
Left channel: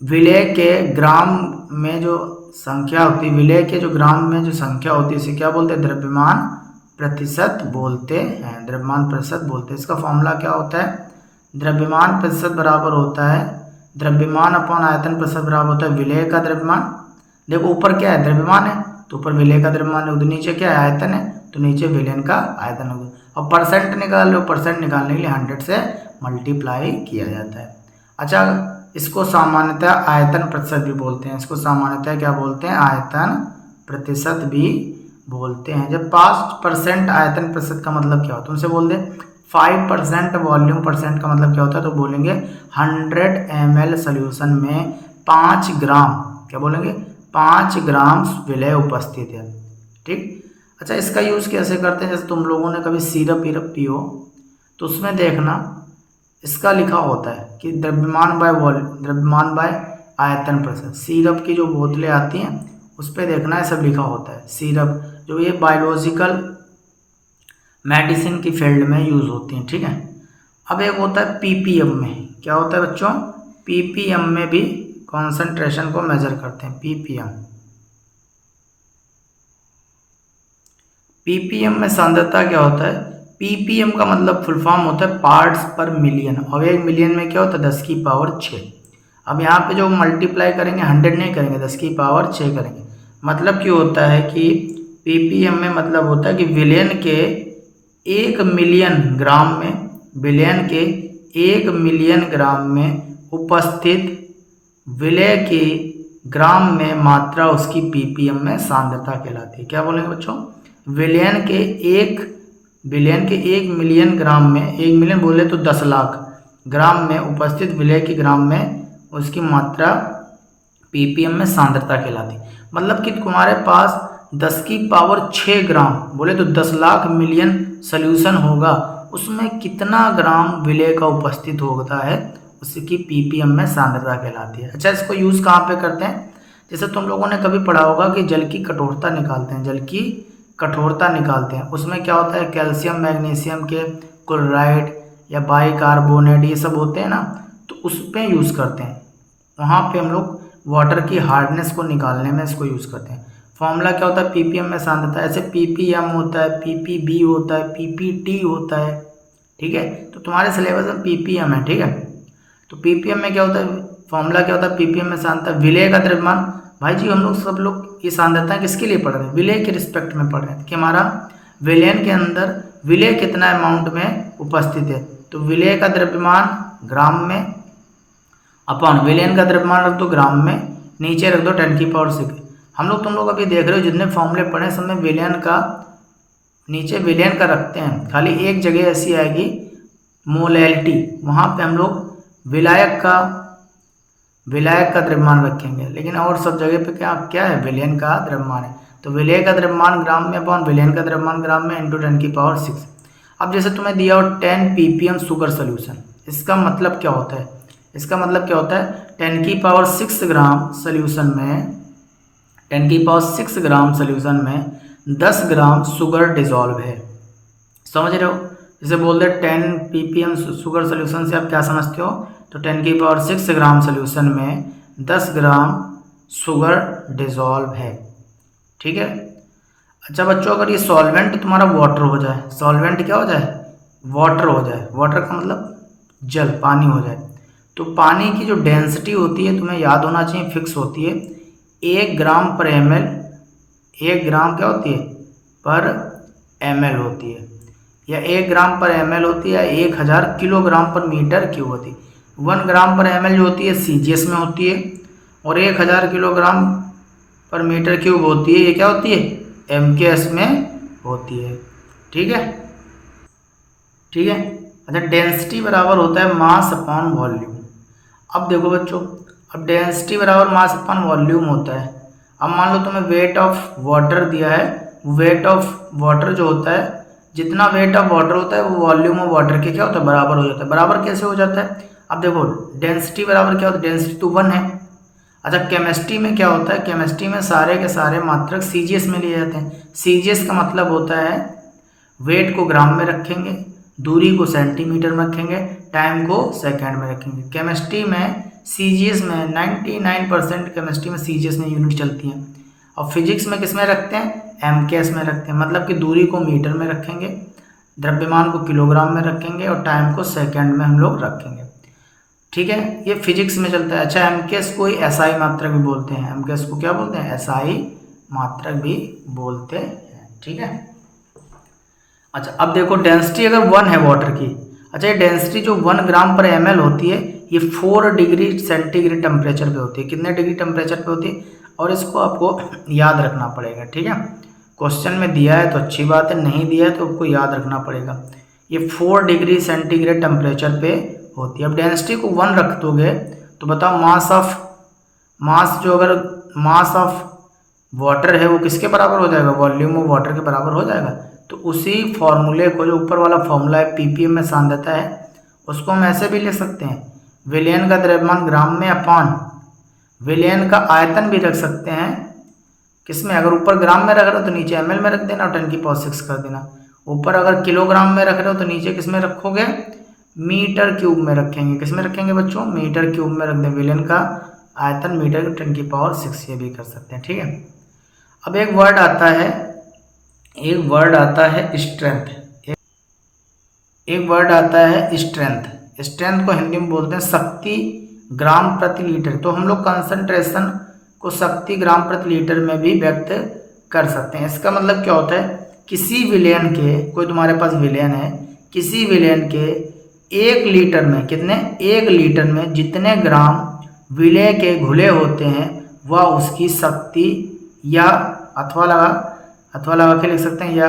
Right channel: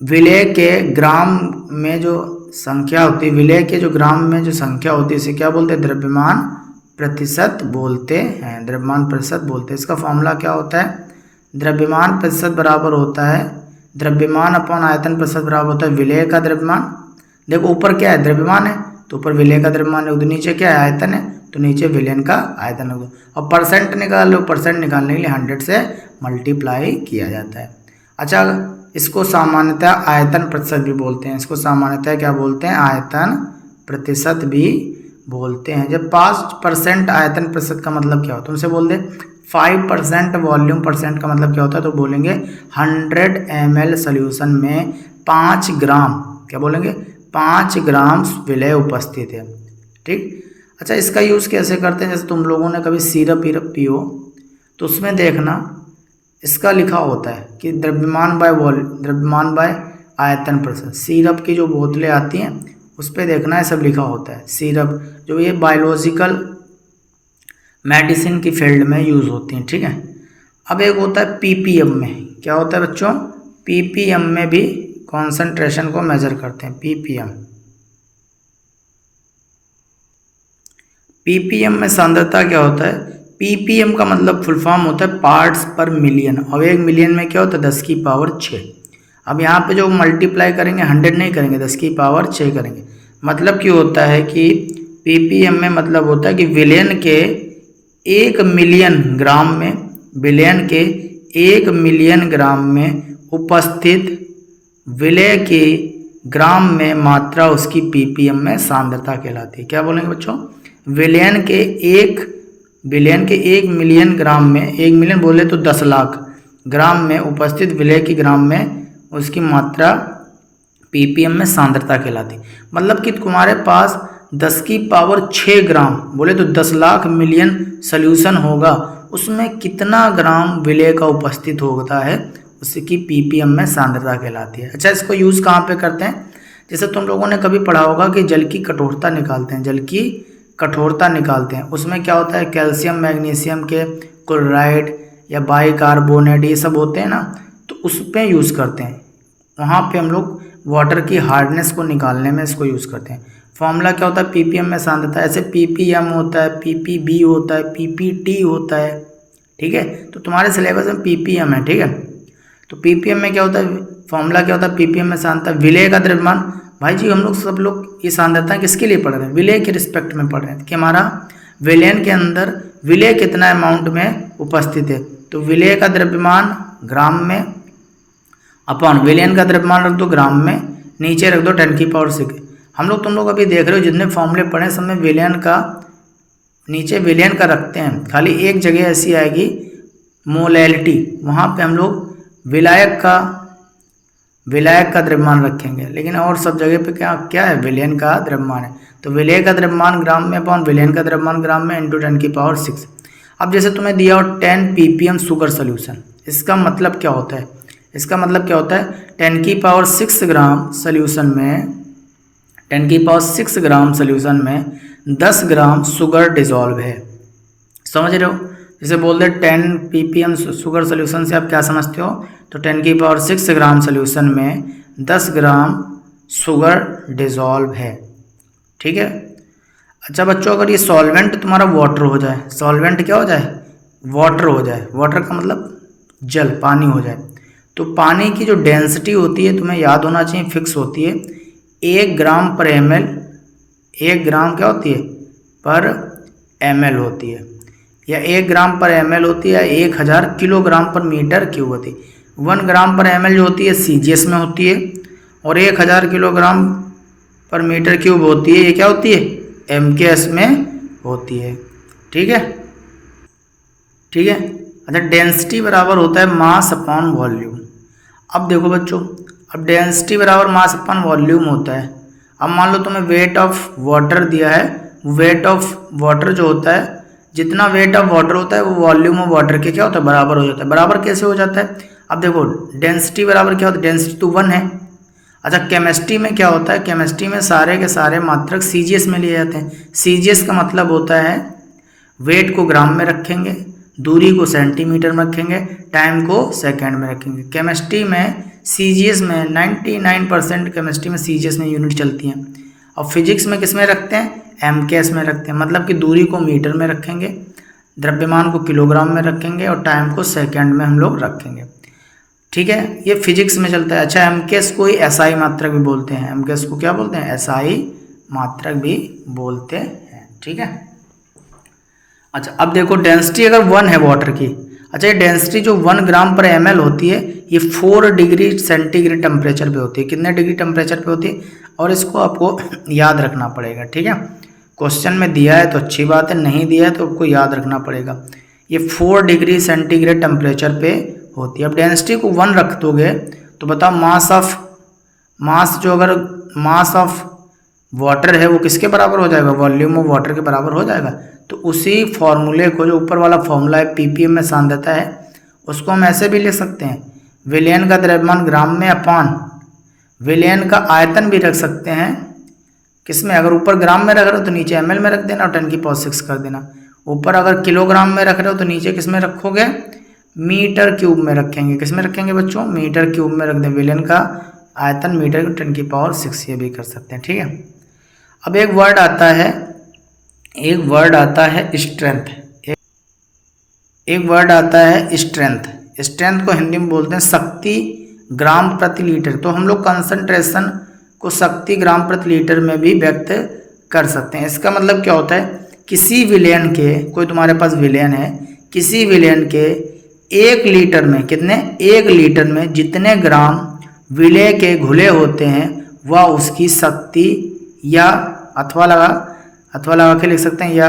विलेय के ग्राम में जो संख्या होती है, विलेय के जो ग्राम में जो संख्या होती है, इसे क्या बोलते हैं? द्रव्यमान प्रतिशत बोलते हैं, द्रव्यमान प्रतिशत बोलते हैं। इसका फॉर्मूला क्या होता है? द्रव्यमान प्रतिशत बराबर होता है द्रव्यमान अपॉन आयतन प्रतिशत बराबर होता है विलेय का द्रव्यमान। देखो ऊपर क्या है? द्रव्यमान है, तो ऊपर विलेय का द्रव्यमान है, उधर नीचे क्या है? आयतन है, तो नीचे विलयन का आयतन होगा। और परसेंट निकाल लो, परसेंट निकालने के लिए 100 से मल्टीप्लाई किया जाता है। अच्छा, इसको सामान्यतः आयतन प्रतिशत भी बोलते हैं, इसको सामान्यतः क्या बोलते हैं? आयतन प्रतिशत भी बोलते हैं। जब 5% आयतन प्रतिशत का मतलब क्या होता है? तुमसे बोल दे 5% वॉल्यूम परसेंट का मतलब क्या होता है, तो बोलेंगे 100 ml सोल्यूशन में 5 ग्राम, क्या बोलेंगे? 5 ग्राम विलेय उपस्थित है। ठीक, अच्छा इसका यूज़ कैसे करते हैं? जैसे तुम लोगों ने कभी सिरप विरप पियो तो उसमें देखना इसका लिखा होता है कि द्रव्यमान बाय आयतन प्रतिशत। सिरप की जो बोतलें आती हैं उस पर देखना है सब लिखा होता है। सिरप जो ये बायोलॉजिकल मेडिसिन की फील्ड में यूज़ होती हैं। ठीक है, अब एक होता है ppm में, क्या होता है बच्चों? ppm में भी कॉन्सेंट्रेशन को मेजर करते हैं। ppm में सांद्रता क्या होता है? ppm का मतलब फुल फॉर्म होता है पार्ट्स पर मिलियन, और 1 मिलियन में क्या होता है? 10 की पावर 6। अब यहाँ पे जो मल्टीप्लाई करेंगे 100 नहीं करेंगे, 10 की पावर 6 करेंगे। मतलब क्यों होता है कि ppm में मतलब होता है कि विलयन के 1 मिलियन ग्राम में विलयन के 1 मिलियन ग्राम में उपस्थित विलय के ग्राम में मात्रा उसकी ppm में सांद्रता कहलाती है। क्या बोलेंगे बच्चों? विलयन के 1 मिलियन ग्राम में, 1 मिलियन बोले तो 10 लाख ग्राम में उपस्थित विलय के ग्राम में उसकी मात्रा ppm में सांद्रता कहलाती है। मतलब कि तुम्हारे पास 10 की पावर 6 ग्राम बोले तो 10 लाख मिलियन सोल्यूशन होगा, उसमें कितना ग्राम विलय का उपस्थित होता है उसकी ppm में सांद्रता कहलाती है। अच्छा, इसको यूज़ कहाँ पे करते हैं? जैसे तुम लोगों ने कभी पढ़ा होगा कि जल की कठोरता निकालते हैं, जल की कठोरता निकालते हैं, उसमें क्या होता है, कैल्शियम मैग्नीशियम के क्लोराइड या बाइकार्बोनेट ये सब होते हैं ना, तो उस पर यूज़ करते हैं। वहाँ पे हम लोग वाटर की हार्डनेस को निकालने में इसको यूज़ करते हैं। फॉर्मूला क्या होता है? ppm में सांद्रता। ऐसे ppm होता है, ppb होता है, ppt होता है, ठीक है। तो तुम्हारे सिलेबस में ppm है, ठीक है। तो ppm में क्या होता है, फॉर्मूला क्या होता है? ppm में सांद्रता, विलय का द्रव्यमान। भाई जी हम लोग सब लोग ये सांद्रता किसके लिए पढ़ रहे हैं? विलय के रिस्पेक्ट में पढ़ रहे हैं कि हमारा विलयन के अंदर विलय कितना अमाउंट में उपस्थित है। तो विलय का द्रव्यमान ग्राम में अपॉन विलयन का द्रव्यमान रख दो ग्राम में, नीचे रख दो 10⁶। हम लोग तुम लोग अभी देख रहे हो जितने फॉर्मूले पढ़े सब में विलयन का नीचे विलयन का रखते हैं, खाली एक जगह ऐसी आएगी मोलैलिटी, वहाँ पे हम लोग विलायक का द्रव्यमान रखेंगे, लेकिन और सब जगह पे क्या है? विलयन का द्रव्यमान है। तो विलय का द्रव्यमान ग्राम में अपॉन विलयन का द्रव्यमान ग्राम में इंटू 10⁶। अब जैसे तुम्हें दिया हो 10 ppm शुगर सोल्यूशन, इसका मतलब क्या होता है? इसका मतलब क्या होता है? 10⁶ ग्राम सोल्यूशन में 10⁶ ग्राम सोल्यूशन में 10 ग्राम शुगर डिजॉल्व है। समझ रहे हो? जैसे बोलते 10 ppm शुगर सोल्यूशन से आप क्या समझते हो? तो 10⁶ ग्राम सोल्यूशन में 10 ग्राम शुगर डिजॉल्व है, ठीक है। अच्छा बच्चों, अगर ये सॉल्वेंट तुम्हारा वाटर हो जाए, सॉल्वेंट क्या हो जाए? वाटर हो जाए। वाटर का मतलब जल, पानी हो जाए, तो पानी की जो डेंसिटी होती है तुम्हें याद होना चाहिए, फिक्स होती है 1 ग्राम पर ml। 1 ग्राम क्या होती है? पर ml होती है, या 1 ग्राम पर ml होती है, 1000 किलोग्राम पर मीटर क्यूब होती है। 1 ग्राम पर ml जो होती है CGS में होती है, और 1000 किलोग्राम पर मीटर क्यूब होती है, ये क्या होती है? MKS में होती है, ठीक है, ठीक है। अच्छा, डेंसिटी बराबर होता है मास अपॉन वॉल्यूम। अब देखो बच्चों, अब डेंसिटी बराबर मास अपॉन वॉल्यूम होता है। अब मान लो तुम्हें वेट ऑफ वाटर दिया है, वेट ऑफ वाटर जो होता है, जितना वेट ऑफ वाटर होता है वो वॉल्यूम ऑफ वाटर के क्या होता है? बराबर हो जाता है। बराबर कैसे हो जाता है? अब देखो डेंसिटी बराबर क्या होता है? डेंसिटी तो 1 है। अच्छा, केमिस्ट्री में क्या होता है? केमिस्ट्री में सारे के सारे मात्रक CGS में लिए जाते हैं। CGS का मतलब होता है वेट को ग्राम में रखेंगे, दूरी को सेंटीमीटर में रखेंगे, टाइम को सेकंड में रखेंगे। केमिस्ट्री में CGS में 99% केमिस्ट्री में CGS में यूनिट चलती हैं। और फिजिक्स में किस में रखते हैं? MKS में रखते हैं। मतलब कि दूरी को मीटर में रखेंगे, द्रव्यमान को किलोग्राम में रखेंगे, और टाइम को सेकंड में हम लोग रखेंगे, ठीक है। ये फिजिक्स में चलता है। अच्छा, MKS को ही SI मात्रक भी बोलते हैं। MKS को क्या बोलते हैं? SI मात्रक भी बोलते हैं, ठीक है। अच्छा, अब देखो डेंसिटी अगर 1 है वाटर की, अच्छा ये डेंसिटी जो 1 ग्राम पर ml होती है, ये 4 डिग्री सेंटीग्रेड टेम्परेचर पे होती है। कितने डिग्री टेम्परेचर पे होती है? और इसको आपको याद रखना पड़ेगा, ठीक है। क्वेश्चन में दिया है तो अच्छी बात है, नहीं दिया है तो आपको याद रखना पड़ेगा। ये 4 डिग्री सेंटीग्रेड टेम्परेचर पे होती है। अब डेंसिटी को 1 रख दोगे तो बताओ मास ऑफ वाटर है वो किसके बराबर हो जाएगा? वॉल्यूम ऑफ वाटर के बराबर हो जाएगा। तो उसी फॉर्मूले को, जो ऊपर वाला फॉर्मूला है ppm में सांद्रता है, उसको हम ऐसे भी लिख सकते हैं, विलयन का द्रव्यमान ग्राम में अपॉन विलयन का आयतन भी रख सकते हैं। किसमें? अगर ऊपर ग्राम में रख रहे हो तो नीचे ml में रख देना और 10⁶ कर देना। ऊपर अगर किलोग्राम में रख रहे हो तो नीचे किस में रखोगे? मीटर क्यूब में रखेंगे। किस में रखेंगे बच्चों? मीटर क्यूब में रख दें। विलयन का आयतन मीटर 10⁶ ये भी कर सकते हैं, ठीक है। अब एक वर्ड आता है स्ट्रेंथ। एक वर्ड आता है स्ट्रेंथ। स्ट्रेंथ को हिंदी में बोलते हैं शक्ति ग्राम प्रति लीटर। तो हम लोग कंसंट्रेशन को शक्ति ग्राम प्रति लीटर में भी व्यक्त कर सकते हैं। इसका मतलब क्या होता है? किसी विलयन के, कोई तुम्हारे पास विलयन है, किसी विलयन के 1 लीटर में कितने, 1 लीटर में जितने ग्राम विलेय के घुले होते हैं वह उसकी शक्ति, या अथवा लगा के लिख सकते हैं, या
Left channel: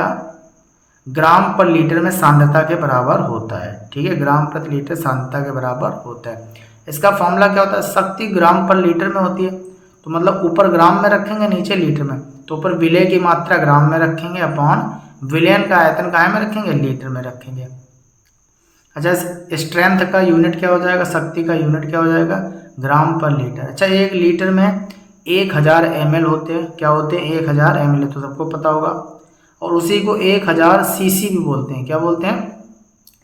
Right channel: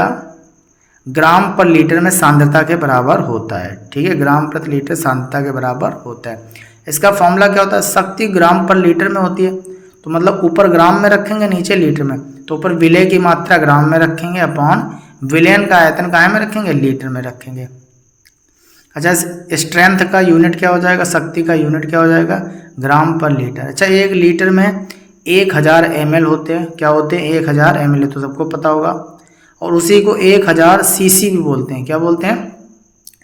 ग्राम पर लीटर में सांद्रता के बराबर होता है। ठीक है, ग्राम प्रति लीटर सांद्रता के बराबर होता है। इसका फॉर्मूला क्या होता है, शक्ति ग्राम पर लीटर में होती है, तो मतलब ऊपर ग्राम में रखेंगे, नीचे लीटर में, तो ऊपर विलेय की मात्रा ग्राम में रखेंगे अपॉन विलयन का आयतन काहे में रखेंगे, लीटर में रखेंगे। अच्छा, स्ट्रेंथ का यूनिट क्या हो जाएगा, शक्ति का यूनिट क्या हो जाएगा, ग्राम पर लीटर। अच्छा, 1 लीटर में 1000 ml होते हैं, क्या होते हैं, 1000 ml, तो सबको पता होगा। और उसी को 1000 cc भी बोलते हैं, क्या बोलते हैं,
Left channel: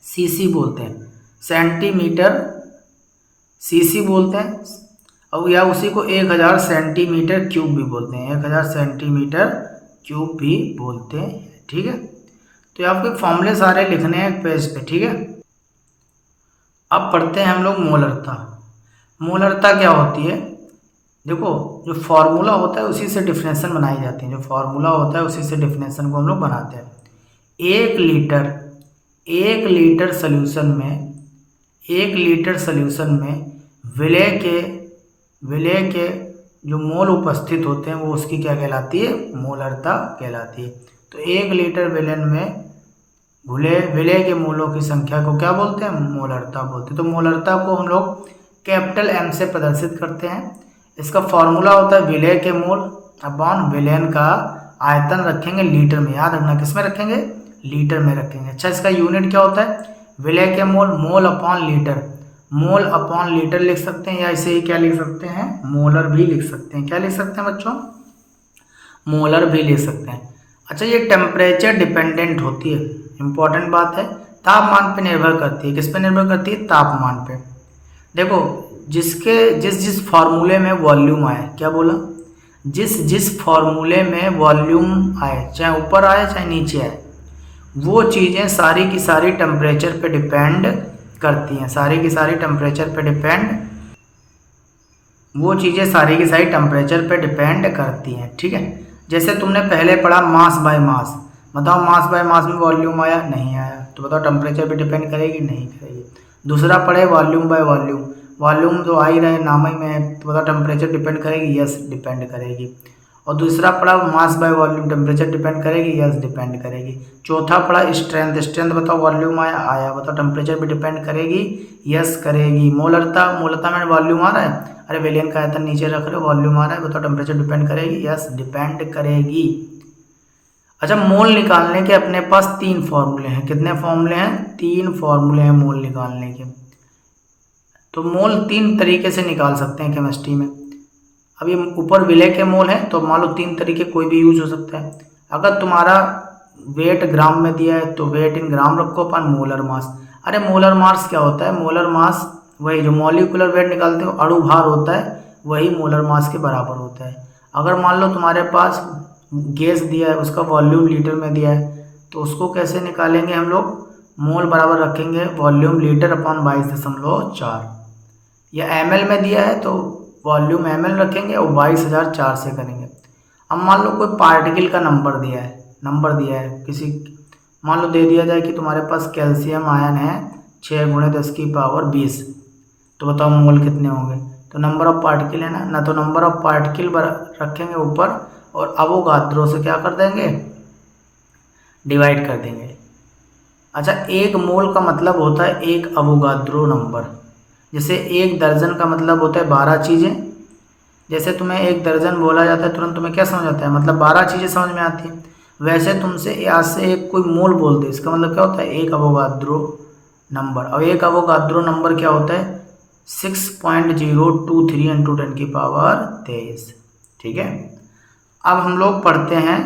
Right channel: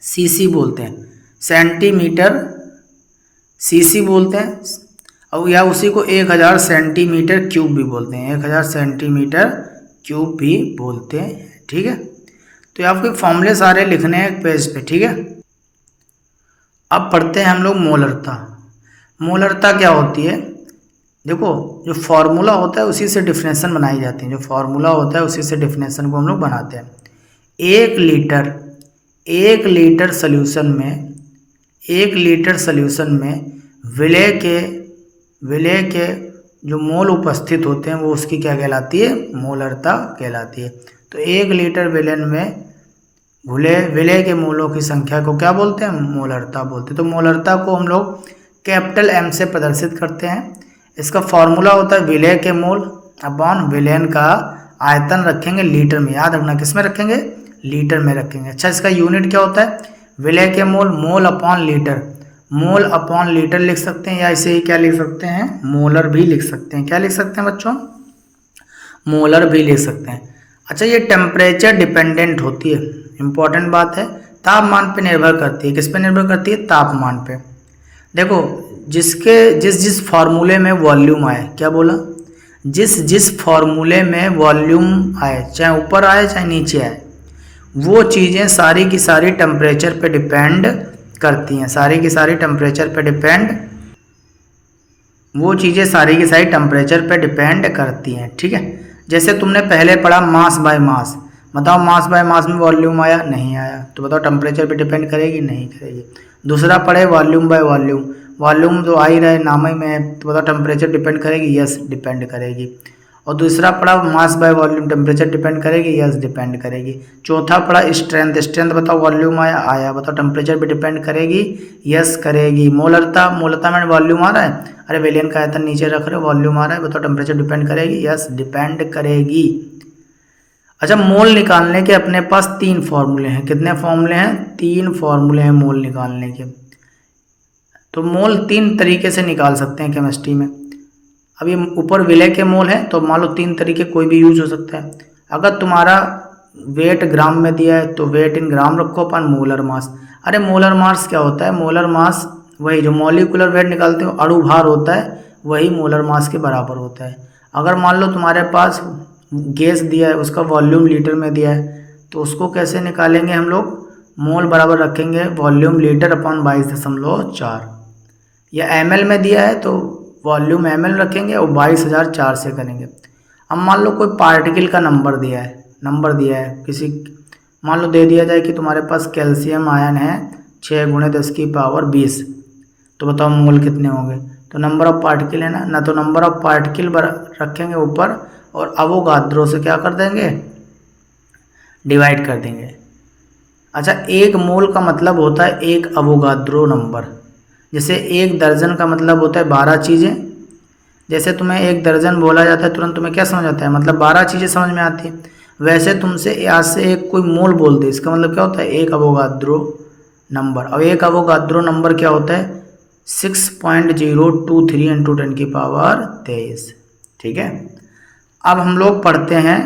cc बोलते हैं, सेंटीमीटर cc बोलते हैं, और या उसी को 1000 सेंटीमीटर क्यूब भी बोलते हैं, 1000 सेंटीमीटर क्यूब भी बोलते हैं। ठीक है, तो ये आपके फॉर्मूले सारे लिखने हैं एक पेज पे। ठीक है, अब पढ़ते हैं हम लोग मोलरता। मोलरता क्या होती है, देखो जो फॉर्मूला होता है उसी से डिफिनेशन बनाई जाती है, जो फॉर्मूला होता है उसी से डिफिनेशन को हम लोग बनाते हैं। 1 लीटर सोल्यूशन में, 1 लीटर सोल्यूशन में विलेय के जो मोल उपस्थित होते हैं वो उसकी क्या कहलाती है, मोलरता कहलाती है। तो 1 लीटर विलेय में विलेय के मोलों की संख्या को क्या बोलते हैं, मोलरता बोलते हैं। तो मोलरता को हम लोग कैपिटल M से प्रदर्शित करते हैं। इसका फॉर्मूला होता है विलेय के मोल अपॉन विलयन का आयतन, रखेंगे लीटर में, याद रखना किस में रखेंगे, लीटर में रखेंगे। अच्छा, इसका यूनिट क्या होता है, विलेय के mole, mole upon litre, mole upon litre लिख सकते हैं, या इसे ही क्या लिख सकते हैं, मोलर भी लिख सकते हैं। क्या लिख सकते हैं बच्चों, मोलर भी लिख सकते हैं। अच्छा, ये टेम्परेचर डिपेंडेंट होती है, इंपॉर्टेंट बात है, तापमान पे निर्भर करती है। किस पे निर्भर करती है, तापमान पे। देखो जिस फार्मूले में वॉल्यूम आए, क्या बोला, जिस फार्मूले में वॉल्यूम आए, चाहे ऊपर आए चाहे नीचे आए, वो चीज़ें सारी की सारी टेम्परेचर पे डिपेंड करती हैं, सारी की सारी टेम्परेचर पे डिपेंड, वो चीज़ें सारी की सारी टेम्परेचर पे डिपेंड करती हैं। ठीक है, जैसे तुमने पहले पढ़ा मास बाय मास, बताओ मास बाय मास में वॉल्यूम आया, नहीं आया, तो बताओ टेम्परेचर पे डिपेंड करेगी, नहीं करेगी। दूसरा पढ़े वॉल्यूम बाय वॉल्यूम, वॉल्यूम जो आ ही रहे नाम ही में है, तो बताओ टेम्परेचर डिपेंड करेगी, यस डिपेंड करेगी। और दूसरा पढ़ा mass by volume, temperature depend करेगी, यस डिपेंड करेगी। चौथा पढ़ा स्ट्रेंथ, स्ट्रेंथ बताओ वॉल्यूम आया, बताओ टेम्परेचर पे डिपेंड करेगी, यस करेगी। मोलरता में वॉल्यूम आ रहा है, अरे विलयन का आयतन नीचे रख रहे हो, वॉल्यूम आ रहा है, बताओ टेम्परेचर डिपेंड करेगी, यस डिपेंड करेगी। अच्छा, मोल निकालने के अपने पास 3 फॉर्मूले हैं, कितने फॉर्मूले हैं, 3 फॉर्मूले हैं मोल निकालने के। तो मोल 3 तरीके से निकाल सकते हैं केमिस्ट्री में। अब ये ऊपर विलेय के मोल हैं, तो मान लो 3 तरीके कोई भी यूज हो सकता है। अगर तुम्हारा वेट ग्राम में दिया है तो वेट इन ग्राम रखो अपन मोलर मास। अरे मोलर मास क्या होता है, मोलर मास वही जो मॉलिक्यूलर वेट निकालते हो अणु भार होता है, वही मोलर मास के बराबर होता है। अगर मान लो तुम्हारे पास गैस दिया है, उसका वॉल्यूम लीटर में दिया है, तो उसको कैसे निकालेंगे हम लोग, मोल बराबर रखेंगे वॉल्यूम लीटर अपॉन 22.4, या ml में दिया है तो वॉल्यूम ml रखेंगे और 22,004 से करेंगे। अब मान लो कोई पार्टिकल का नंबर दिया है किसी, मान लो दे दिया जाए कि तुम्हारे पास कैल्शियम आयन है 6 × 10⁻20, तो बताओ मोल कितने होंगे, तो नंबर ऑफ पार्टिकल है ना, तो नंबर ऑफ पार्टिकल रखेंगे ऊपर और अवोगाद्रो से क्या कर देंगे, डिवाइड कर देंगे। अच्छा, 1 मोल का मतलब होता है 1 अवोगाद्रो नंबर। जैसे 1 दर्जन का मतलब होता है 12 चीज़ें। जैसे तुम्हें 1 दर्जन बोला जाता है तुरंत तुम्हें क्या समझ आता है, मतलब 12 चीज़ें समझ में आती है। वैसे तुमसे आज से एक कोई मोल बोल दे, इसका मतलब क्या होता है 1 अवोगाद्रो नंबर। और 1 अवोगाद्रो नंबर क्या होता है 6.023 × 10⁻23। ठीक है, अब हम लोग पढ़ते हैं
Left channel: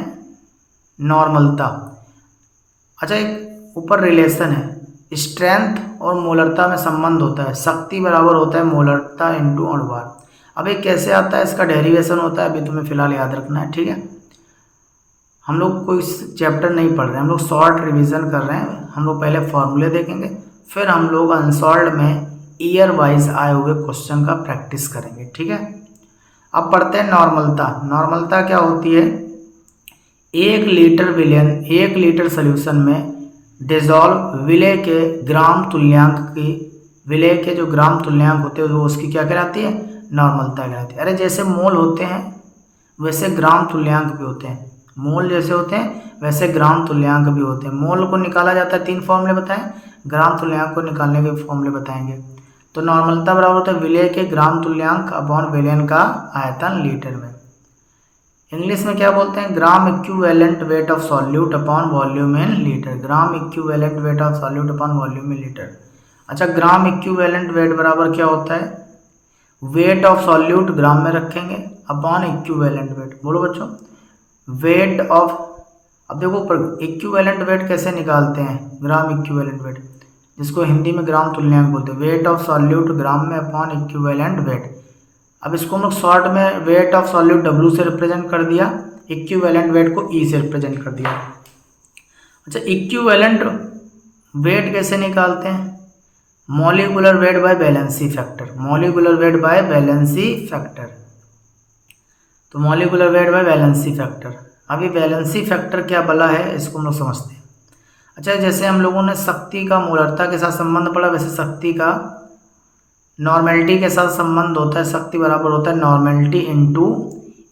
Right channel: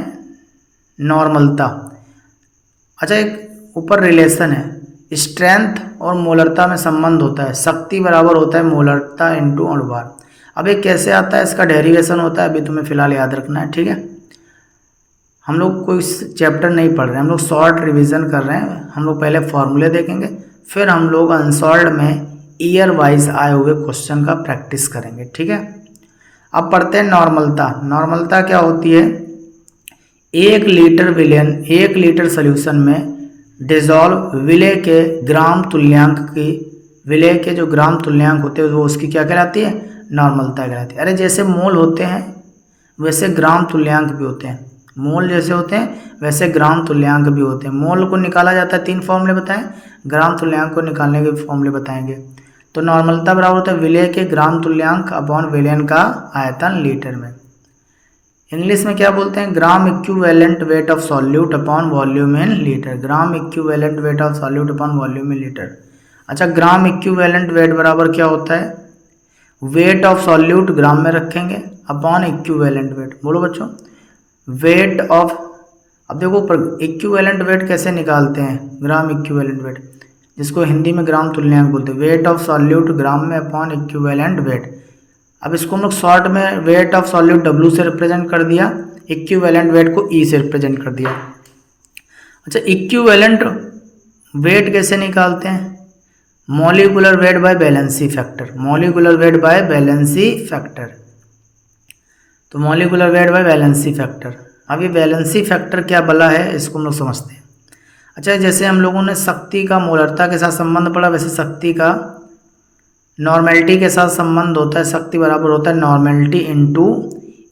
नॉर्मलता। अच्छा, एक ऊपर रिलेशन है, स्ट्रेंथ और मोलरता में संबंध होता है, शक्ति बराबर होता है मोलरता × अणुभार। अब ये कैसे आता है, इसका डेरिवेशन होता है, अभी तुम्हें फिलहाल याद रखना है। ठीक है, हम लोग कोई चैप्टर नहीं पढ़ रहे हैं, हम लोग शॉर्ट रिवीजन कर रहे हैं। हम लोग पहले फॉर्मूले देखेंगे, फिर हम लोग अनसॉल्व्ड में ईयर वाइज आए हुए क्वेश्चन का प्रैक्टिस करेंगे। ठीक है, अब पढ़ते हैं नॉर्मलता। नॉर्मलता क्या होती है, 1 लीटर सोल्यूशन में डिजॉल्व विलय के ग्राम तुल्यांक की, विलय के जो ग्राम तुल्यांक होते हैं वो उसकी क्या कहलाती है, नॉर्मलता कहलाती है। अरे जैसे मोल होते हैं वैसे ग्राम तुल्यांक भी होते हैं, मोल जैसे होते हैं वैसे ग्राम तुल्यांक भी होते हैं। मोल को निकाला जाता है 3 फॉर्मूले बताएं, ग्राम तुल्यांक को निकालने के फॉर्मूले बताएंगे। तो नॉर्मलता बराबर होता है विलय के ग्राम तुल्यांक अपॉन विलयन का आयतन लीटर में। इंग्लिश में क्या बोलते हैं, gram equivalent weight of solute upon volume in litre, gram equivalent weight of solute upon volume in litre. अच्छा, ग्राम इक्विवेलेंट वेट बराबर क्या होता है, वेट ऑफ सॉल्यूट ग्राम में रखेंगे अपॉन इक्विवेलेंट वेट। बोलो बच्चों, वेट ऑफ, अब देखो इक्विवेलेंट वेट कैसे निकालते हैं, ग्राम इक्विवेलेंट वेट, जिसको हिंदी में ग्राम तुल्यांक बोलते हैं, वेट ऑफ सॉल्यूट ग्राम में अपॉन इक्विवेलेंट वेट। अब इसको हम लोग शॉर्ट में वेट ऑफ सॉल्यूट W से रिप्रेजेंट कर दिया, इक्विवेलेंट वेट को E से रिप्रेजेंट कर दिया। अच्छा, इक्विवेलेंट वेट कैसे निकालते हैं, molecular weight by valency factor, molecular weight by valency factor. तो molecular weight by valency factor, अब ये वैलेंसी फैक्टर क्या बला है इसको हम लोग समझते हैं। अच्छा, जैसे हम लोगों ने शक्ति का मोलरता के साथ संबंध पढ़ा, वैसे शक्ति का नॉर्मेलिटी के साथ संबंध होता है। शक्ति बराबर होता है नॉर्मेलिटी इनटू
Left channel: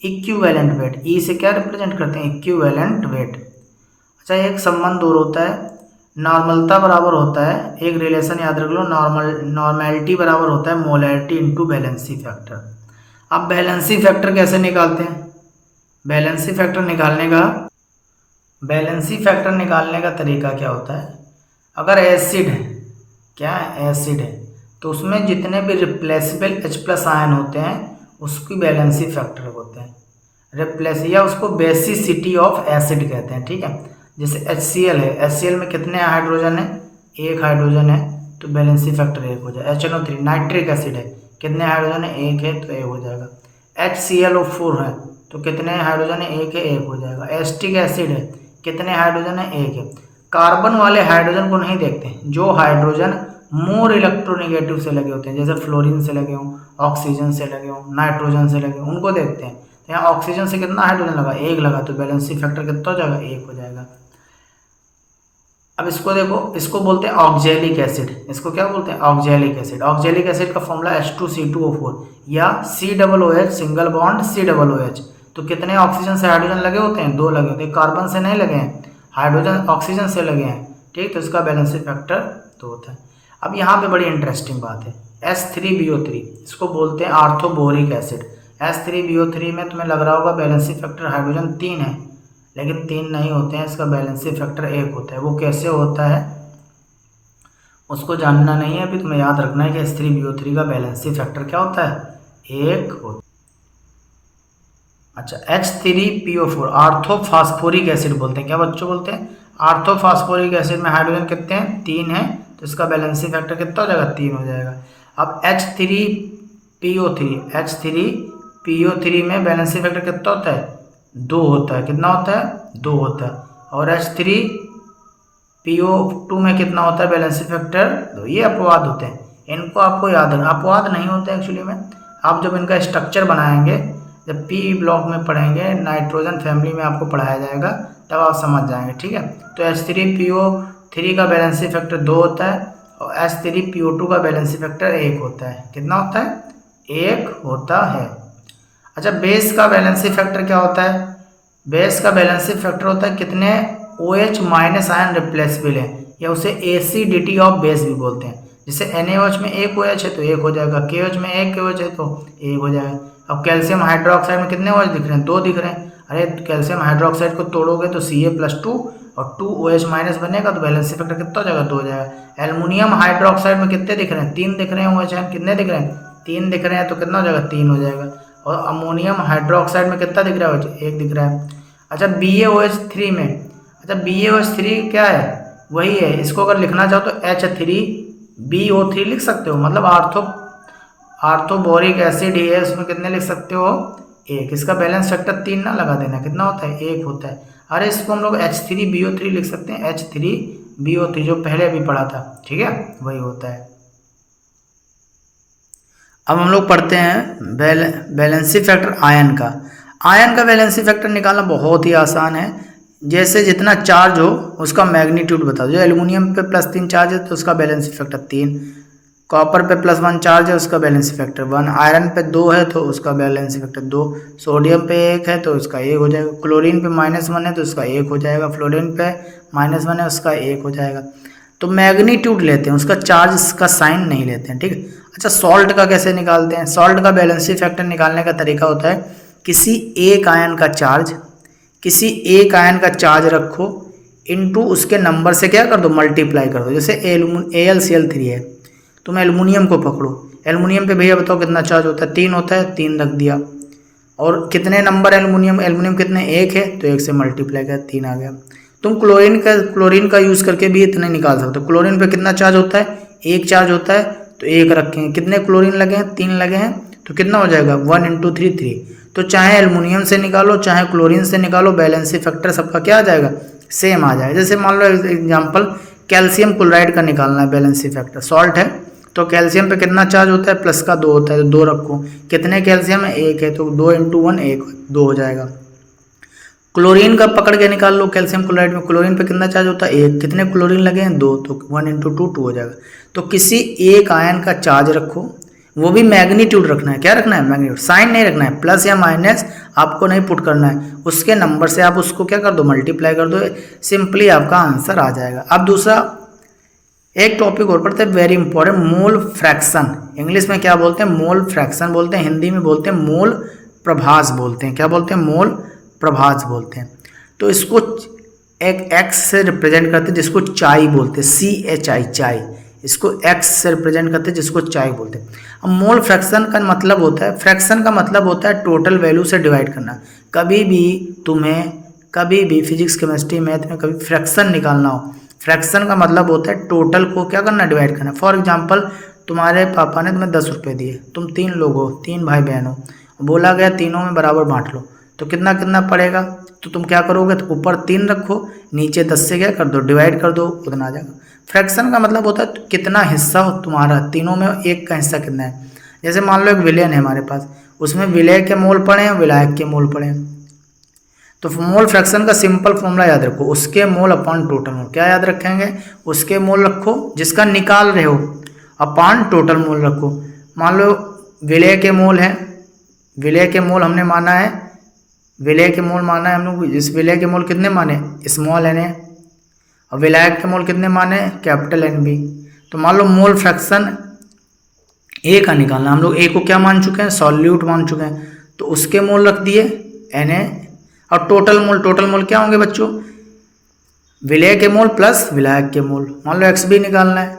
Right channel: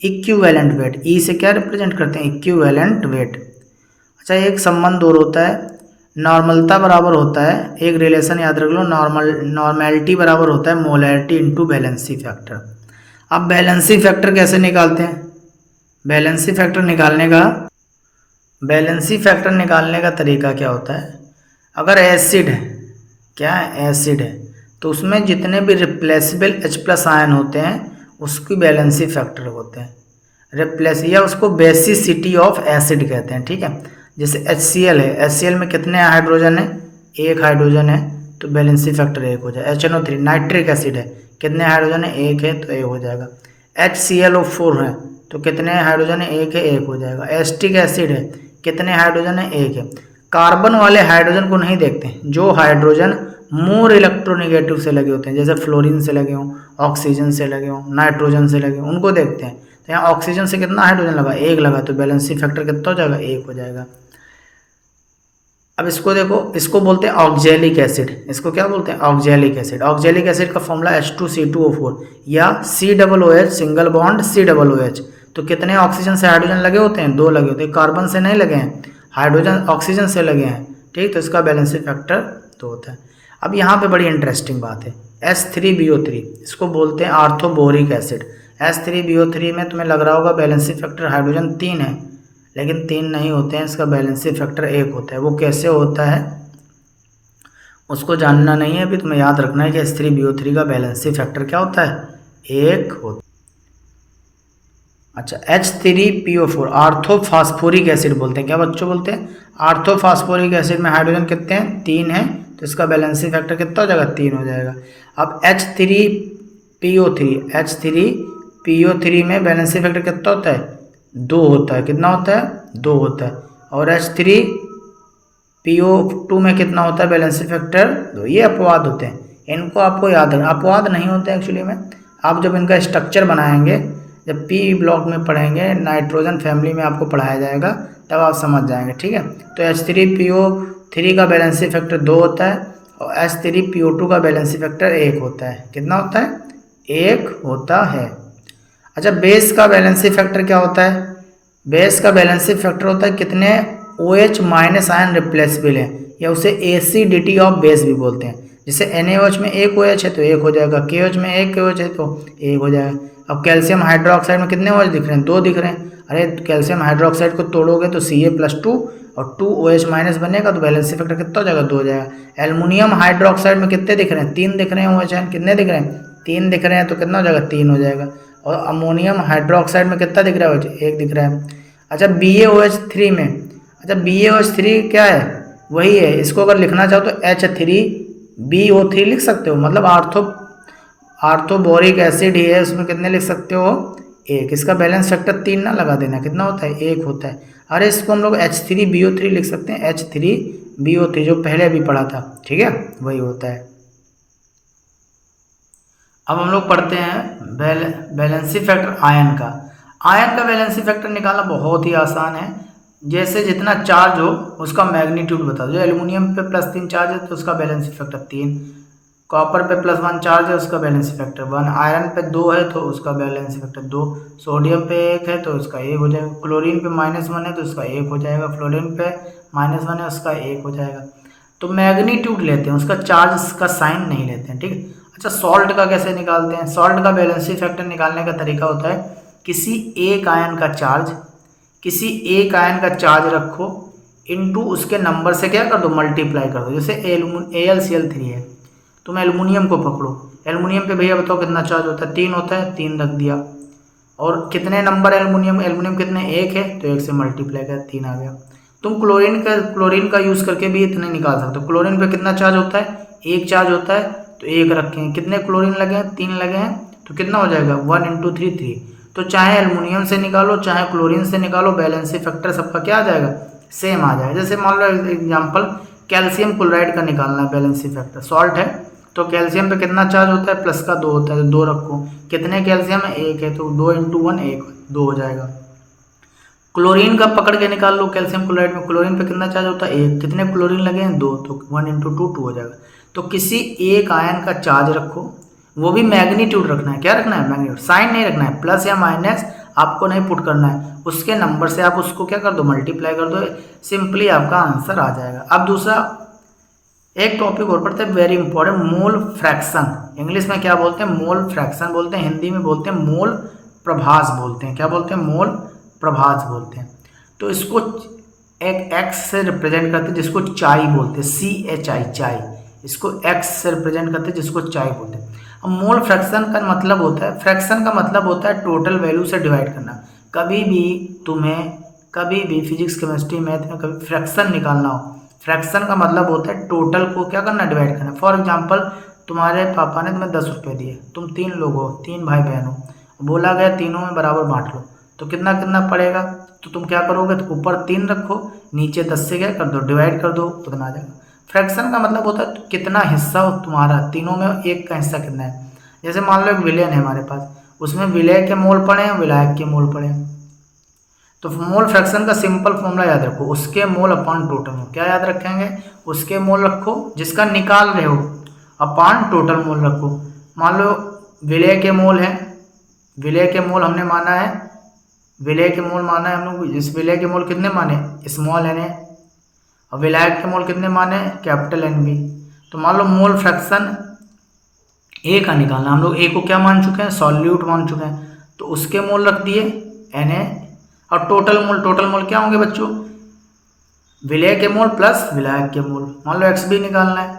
इक्विवेलेंट वेट। ई से क्या रिप्रेजेंट करते हैं, इक्विवेलेंट वेट। अच्छा, एक संबंध और होता है, नॉर्मलता बराबर होता है, एक रिलेशन याद रख लो, नॉर्मेलिटी बराबर होता है मोलैरिटी इनटू वैलेंसी फैक्टर। अब वैलेंसी फैक्टर कैसे निकालते हैं, वैलेंसी फैक्टर निकालने का तरीका क्या होता है, अगर एसिड है, क्या है, एसिड है, तो उसमें जितने भी रिप्लेसेबल H+ आयन होते हैं उसकी वैलेंसी फैक्टर होते हैं, रिप्लेस, या उसको बेसिसिटी ऑफ एसिड कहते हैं। ठीक है, जैसे HCl है, HCl में कितने हाइड्रोजन है, एक हाइड्रोजन है, तो वैलेंसी फैक्टर 1 हो जाएगा। HNO3 नाइट्रिक एसिड है, कितने हाइड्रोजन है, एक है, तो 1 हो जाएगा। HClO4 है, तो कितने हाइड्रोजन है, एक है, 1 हो जाएगा। एसिटिक एसिड है, कितने हाइड्रोजन है, एक है। कार्बन वाले हाइड्रोजन को नहीं देखते, जो हाइड्रोजन मोर इलेक्ट्रोनेगेटिव से लगे होते हैं, जैसे फ्लोरीन से लगे हों, ऑक्सीजन से लगे हों, नाइट्रोजन से लगे हों, उनको देखते हैं। तो यहाँ ऑक्सीजन से कितना हाइड्रोजन लगा, 1 लगा, तो वैलेंसी फैक्टर कितना हो जाएगा, 1 हो जाएगा। अब इसको देखो, इसको बोलते हैं ऑक्जेलिक एसिड, इसको क्या बोलते हैं, ऑक्जेलिक एसिड। ऑक्जेलिक एसिड का फॉर्मूला H2C2O4 या COOH सिंगल बॉन्ड COOH। तो कितने ऑक्सीजन से हाइड्रोजन लगे होते हैं, 2 लगे होते हैं, कार्बन से नहीं लगे हैं, हाइड्रोजन ऑक्सीजन से लगे हैं। ठीक, तो इसका बैलेंसी फैक्टर 2 होता है। अब यहाँ पे बड़ी इंटरेस्टिंग बात है, H3BO3, इसको बोलते हैं आर्थोबोरिक एसिड। H3BO3 में तुम्हें लग रहा होगा बैलेंसी फैक्टर हाइड्रोजन 3 है, लेकिन 3 नहीं होते हैं, इसका बैलेंसी फैक्टर 1 होता है। वो कैसे होता है उसको जानना नहीं है, अभी तुम्हें याद रखना है कि H3BO3 का बैलेंसी फैक्टर क्या होता है, 1 होता है। अच्छा, H3PO4 आर्थोफास्फोरिक एसिड बोलते हैं, क्या बच्चों बोलते हैं, आर्थोफास्फोरिक एसिड में हाइड्रोजन कितने हैं, 3 हैं, तो इसका बैलेंसी फैक्टर कितना हो जाएगा, 3 हो जाएगा। अब H3PO3 में बैलेंसी फैक्टर कितना होता है, 2 होता है। कितना होता है, 2 होता है। और H3PO2 में कितना होता है बैलेंसी फैक्टर, 2। ये अपवाद होते हैं, इनको आपको याद रखना, अपवाद नहीं होते एक्चुअली में। आप जब इनका स्ट्रक्चर बनाएंगे, जब P ब्लॉक में पढ़ेंगे, नाइट्रोजन फैमिली में आपको पढ़ाया जाएगा, तब आप समझ जाएंगे। ठीक है, तो H3PO3 का बैलेंसी फैक्टर 2 होता है और H3PO2 का बैलेंसी फैक्टर 1 होता है। कितना होता है, 1 होता है। अच्छा, बेस का बैलेंसी फैक्टर क्या होता है, बेस का बैलेंसी फैक्टर होता है कितने OH माइनस आयन रिप्लेसेबल है, या उसे एसिडिटी ऑफ बेस भी बोलते हैं। जैसे NaOH में 1 OH है तो 1 हो जाएगा, KOH में 1 KOH है तो 1 हो जाएगा। अब कैल्शियम हाइड्रोक्साइड में कितने OH दिख रहे हैं, 2 दिख रहे हैं। अरे कैल्शियम हाइड्रोक्साइड को तोड़ोगे तो Ca+2 और 2 OH माइनस बनेगा, तो बैलेंसी फैक्टर कितना हो जाएगा, 2 हो जाएगा। एल्युमिनियम हाइड्रोक्साइड में कितने दिख रहे हैं, 3 दिख रहे हैं OH आयन, कितने दिख रहे हैं, 3 दिख रहे हैं, तो कितना हो जाएगा, 3 हो जाएगा। और अमोनियम हाइड्रोक्साइड में कितना दिख रहा है, 1 दिख रहा है। अच्छा, BaOH3 में, अच्छा BaOH3 क्या है, वही है, इसको अगर लिखना चाहो तो H3BO3 लिख सकते हो, मतलब आर्थोबोरिक एसिड ही है, उसमें कितने लिख सकते हो, 1। इसका बैलेंस फैक्टर 3 ना लगा देना, कितना होता है, 1 होता है। अरे इसको हम लोग H3BO3 लिख सकते हैं, H3BO3 जो पहले भी पढ़ा था, ठीक है, वही होता है। अब हम लोग पढ़ते हैं बैलेंसी फैक्टर आयन का। आयन का बैलेंसी फैक्टर निकालना बहुत ही आसान है। जैसे जितना चार्ज हो उसका मैग्नीट्यूड बता दो। जो एल्युमिनियम पे +3 चार्ज है तो उसका बैलेंसिंग फैक्टर 3, कॉपर पे +1 चार्ज है उसका बैलेंसिंग फैक्टर 1, आयरन पे 2 है तो उसका बैलेंसिंग फैक्टर 2, सोडियम पे 1 है तो उसका 1 हो जाएगा, क्लोरीन पे -1 है तो उसका 1 हो जाएगा, फ्लोरीन पे -1 है उसका 1 हो जाएगा। तो मैग्नीट्यूड लेते हैं, उसका चार्ज का साइन नहीं लेते हैं, ठीक है। अच्छा, सॉल्ट का कैसे निकालते हैं? सॉल्ट का बैलेंसिंग फैक्टर निकालने का तरीका होता है किसी एक आयन का चार्ज रखो, इनटू उसके नंबर से क्या कर दो, मल्टीप्लाई कर दो। जैसे AlCl3 है, तुम एल्युमिनियम को पकड़ो, एल्युमिनियम पे भैया बताओ कितना चार्ज होता है? 3 होता है, 3 रख दिया। और कितने नंबर एल्युमिनियम कितने? 1 है तो 1 से मल्टीप्लाई कर 3 आ गया। तुम क्लोरीन का यूज़ करके भी इतने निकाल सकते हो। क्लोरीन पे कितना चार्ज होता है? 1 चार्ज होता है तो 1 रखेंगे। कितने क्लोरीन लगे हैं? 3 लगे हैं, तो कितना हो जाएगा? 1 × 3 3। तो चाहे एल्युमिनियम से निकालो चाहे क्लोरीन से निकालो, बैलेंसिंग फैक्टर सबका क्या आ जाएगा? सेम आ जाएगा। जैसे मान लो एग्जाम्पल, कैल्शियम क्लोराइड का निकालना है बैलेंसिंग फैक्टर, सॉल्ट है तो कैल्शियम पे कितना चार्ज होता है? +2 होता है तो 2 रखो। कितने कैल्शियम है? 1 है तो 2 × 1 1, 2 हो जाएगा। क्लोरीन का पकड़ के निकाल लो, कैल्शियम क्लोराइड में क्लोरीन पे कितना चार्ज होता है? 1। कितने क्लोरीन लगे हैं? 2, तो 1 × 2 2 हो जाएगा। तो किसी एक आयन का चार्ज रखो, वो भी मैग्नीट्यूड रखना है। क्या रखना है? मैग्नीट्यूड, साइन नहीं रखना है, प्लस या माइनस आपको नहीं पुट करना है। उसके नंबर से आप उसको क्या कर दो? मल्टीप्लाई कर दो, सिंपली आपका आंसर आ जाएगा। अब दूसरा एक टॉपिक और पढ़ते हैं, very important, mole fraction. English में क्या बोलते हैं? मोल फ्रैक्शन बोलते हैं, हिंदी में बोलते हैं मोल प्रभास बोलते हैं। क्या बोलते हैं? मोल प्रभास बोलते हैं। तो इसको एक एक्स से रिप्रेजेंट करते हैं जिसको चाई बोलते हैं, CHI, चाई। इसको एक्स से रिप्रेजेंट करते हैं जिसको चाई बोलते हैं। अब मोल फ्रैक्शन का मतलब होता है, फ्रैक्शन का मतलब होता है टोटल वैल्यू से डिवाइड करना। कभी भी फिजिक्स, केमिस्ट्री, मैथ में कभी फ्रैक्शन निकालना हो, फ्रैक्शन का मतलब होता है टोटल को क्या करना? डिवाइड करना। फॉर एग्जाम्पल, तुम्हारे पापा ने तुम्हें 10 रुपये दिए, तुम 3 लोग हो, 3 भाई बहन हो, बोला गया तीनों में बराबर बांट लो, तो कितना कितना पड़ेगा? तो तुम क्या करोगे? तो ऊपर 3 रखो, नीचे 10 से क्या कर दो? डिवाइड कर दो, उतना आ जाएगा। फ्रैक्शन का मतलब होता है कितना हिस्सा हो तुम्हारा, तीनों में एक का हिस्सा कितना है। जैसे मान लो एक विलेन है हमारे पास, उसमें विलय के मोल पड़े हैं, विलायक के मोल पड़े हैं। तो मोल फ्रैक्शन का सिंपल फॉर्मूला याद रखो, उसके मोल अपॉन टोटल मोल। क्या याद रखेंगे? उसके मोल रखो जिसका निकाल रहे हो, अपॉन टोटल मोल रखो। मान लो विलय के मोल है, विलय के मोल हमने माना है, विलय के मोल माना है हम लोग। इस विलय के मोल कितने माने? स्मॉल n है। और विलायक के मोल कितने माने? Capital NB। तो मान लो मोल फ्रैक्शन A का निकालना, हम लोग A को क्या मान चुके हैं? सॉल्यूट मान चुके हैं, तो उसके मोल रख दिए Na। और टोटल मोल क्या होंगे बच्चों? विलय के मोल प्लस विलायक के मोल। मान लो XB निकालना है,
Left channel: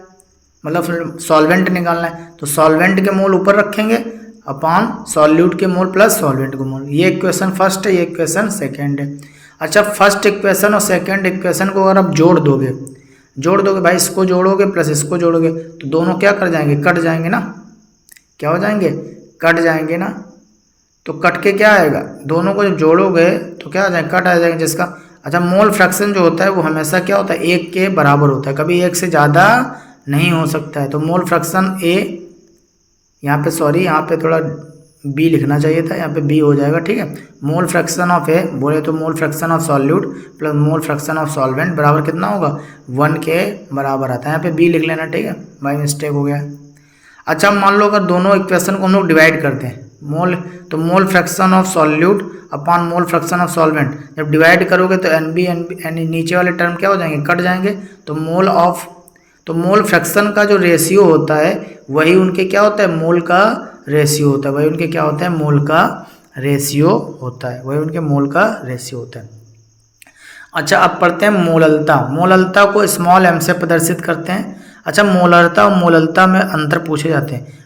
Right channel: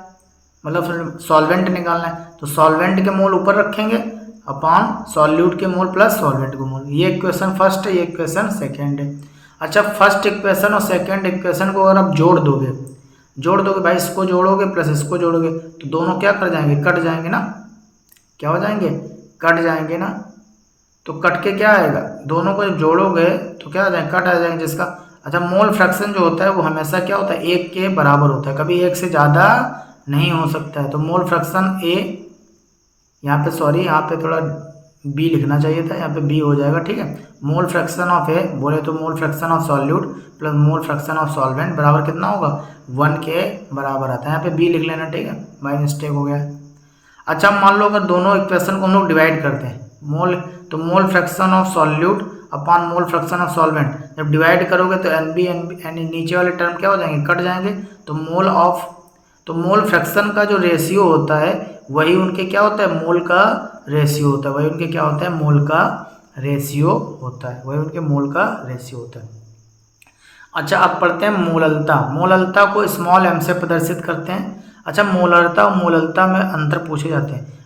मतलब सॉल्वेंट निकालना है, तो सॉल्वेंट के मोल ऊपर रखेंगे अपॉन सॉल्यूट के मोल प्लस सॉल्वेंट के मोल। ये इक्वेशन फर्स्ट है, ये इक्वेशन सेकंड है। अच्छा, फर्स्ट इक्वेशन और सेकंड इक्वेशन को अगर आप जोड़ दोगे भाई, इसको जोड़ोगे प्लस इसको जोड़ोगे तो दोनों क्या कर जाएंगे? कट जाएंगे ना। क्या हो जाएंगे? कट जाएंगे ना। तो कट के क्या आएगा? दोनों को जब जोड़ोगे तो क्या आ जाएंगे? कट आ जाएंगे जिसका। अच्छा, मोल फ्रैक्शन जो होता है वो हमेशा क्या होता है? 1 के बराबर होता है, कभी 1 से ज़्यादा नहीं हो सकता है। तो मोल फ्रैक्शन A, यहाँ पे सॉरी, यहाँ पे थोड़ा B लिखना चाहिए था, यहाँ पे B हो जाएगा, ठीक है। मोल फ्रैक्शन ऑफ A बोले तो mole fraction of solute plus mole fraction of solvent बराबर कितना होगा? 1 के बराबर आता है। यहाँ पे B लिख लेना, ठीक है, बाय मिस्टेक हो गया। अच्छा, मान लो अगर दोनों इक्वेशन को हम लोग डिवाइड करते हैं, mole fraction of solute upon mole fraction of solvent, जब डिवाइड करोगे तो NB नीचे वाले टर्म क्या हो जाएंगे? कट जाएंगे। तो मोल फ्रैक्शन का जो रेशियो होता है वही उनके क्या होता है? मोल का रेशियो होता है, वही उनके क्या होता है? मोल का रेशियो होता है, वही उनके मोल का रेशियो होता है। अच्छा, अब पढ़ते हैं मोललता। मोललता को स्मॉल m से प्रदर्शित करते हैं। अच्छा, मोलरता और मोललता में अंतर पूछे जाते हैं।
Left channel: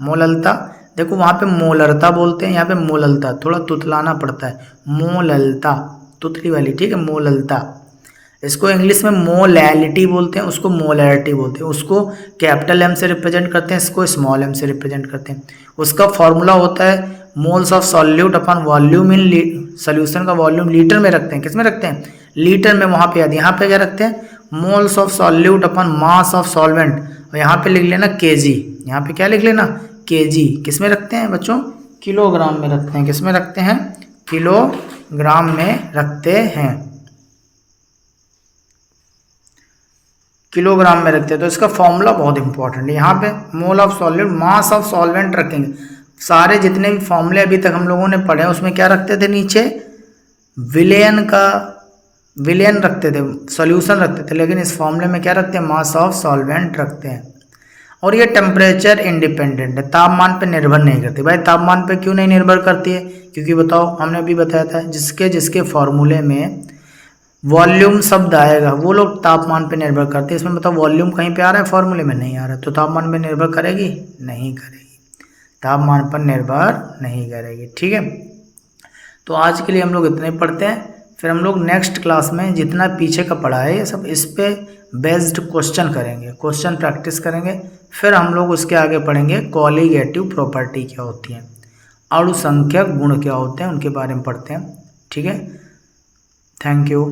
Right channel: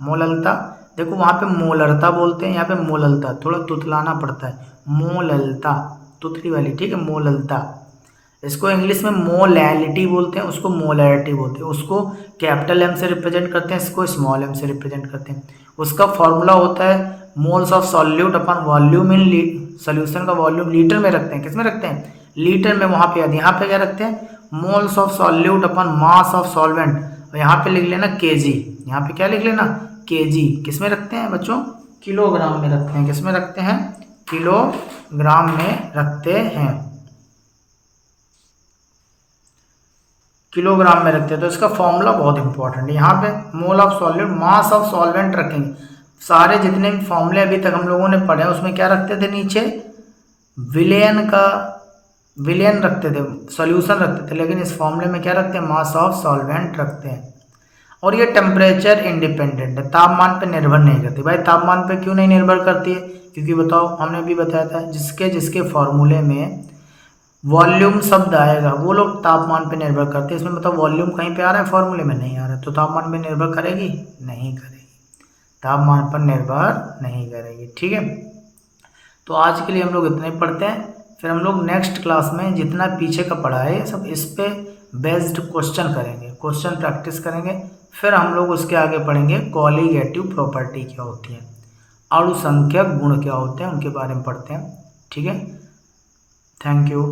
मोललता देखो, वहाँ पे मोलरता बोलते हैं, यहाँ पे मोललता, थोड़ा तुतलाना पड़ता है। मोललता तुतली वाली, ठीक है, मोललता। इसको इंग्लिश में मोलैलिटी बोलते हैं, उसको मोलैरिटी बोलते हैं। उसको कैपिटल M से रिप्रेजेंट करते हैं, इसको स्मॉल m से रिप्रेजेंट करते हैं। उसका फॉर्मूला होता है moles of solute upon volume in solution का वॉल्यूम लीटर में रखते हैं। किस में रखते हैं? लीटर में। वहाँ पे यहाँ पे क्या रखते हैं? Moles of solute upon mass of solvent, और यहाँ पे लिख लेना kg। यहाँ पे क्या लिख लेना? kg। किस में रखते हैं बच्चों? किलोग्राम में रखते हैं। किस में रखते हैं? किलोग्राम में रखते हैं, किलोग्राम में रखते हैं। तो इसका फॉर्मूला बहुत इंपॉर्टेंट है। यहाँ पे mole of solvent, mass of solvent रखेंगे। सारे जितने भी फॉर्मूले अभी तक हम लोगों ने पढ़े हैं उसमें क्या रखते थे, नीचे विलेन का विलेन रखते थे, सॉल्यूशन रखते थे, लेकिन इस फॉर्मूले में क्या रखते हैं, मास ऑफ सॉल्वेंट रखते हैं। और ये टेम्परेचर इंडिपेंडेंट है, तापमान पे निर्भर नहीं करती। भाई तापमान पे क्यों नहीं निर्भर करती है, क्योंकि बताओ हमने अभी बताया था जिसके जिसके फॉर्मूले में वॉल्यूम शब्द आएगा वो लोग तापमान पे निर्भर करते हैं। इसमें बताओ वॉल्यूम कहीं पे आ रहा है, फॉर्मूले में नहीं आ रहा है, तो तापमान पे निर्भर करेगी, नहीं करेगी, तापमान पर निर्भर नहीं करेगी। ठीक है, तो आज के लिए हम लोग इतने पढ़ते हैं, फिर हम लोग नेक्स्ट क्लास में जितना पीछे का पढ़ा है ये सब इस पे बेस्ड क्वेश्चन करेंगे, क्वेश्चन प्रैक्टिस करेंगे। फिर हम लोग उसके आगे पढ़ेंगे कॉलीगेटिव प्रॉपर्टी क्या होती है, अणुसंख्यक गुण क्या होते हैं, उनके बारे में पढ़ते हैं। ठीक है, थैंक यू।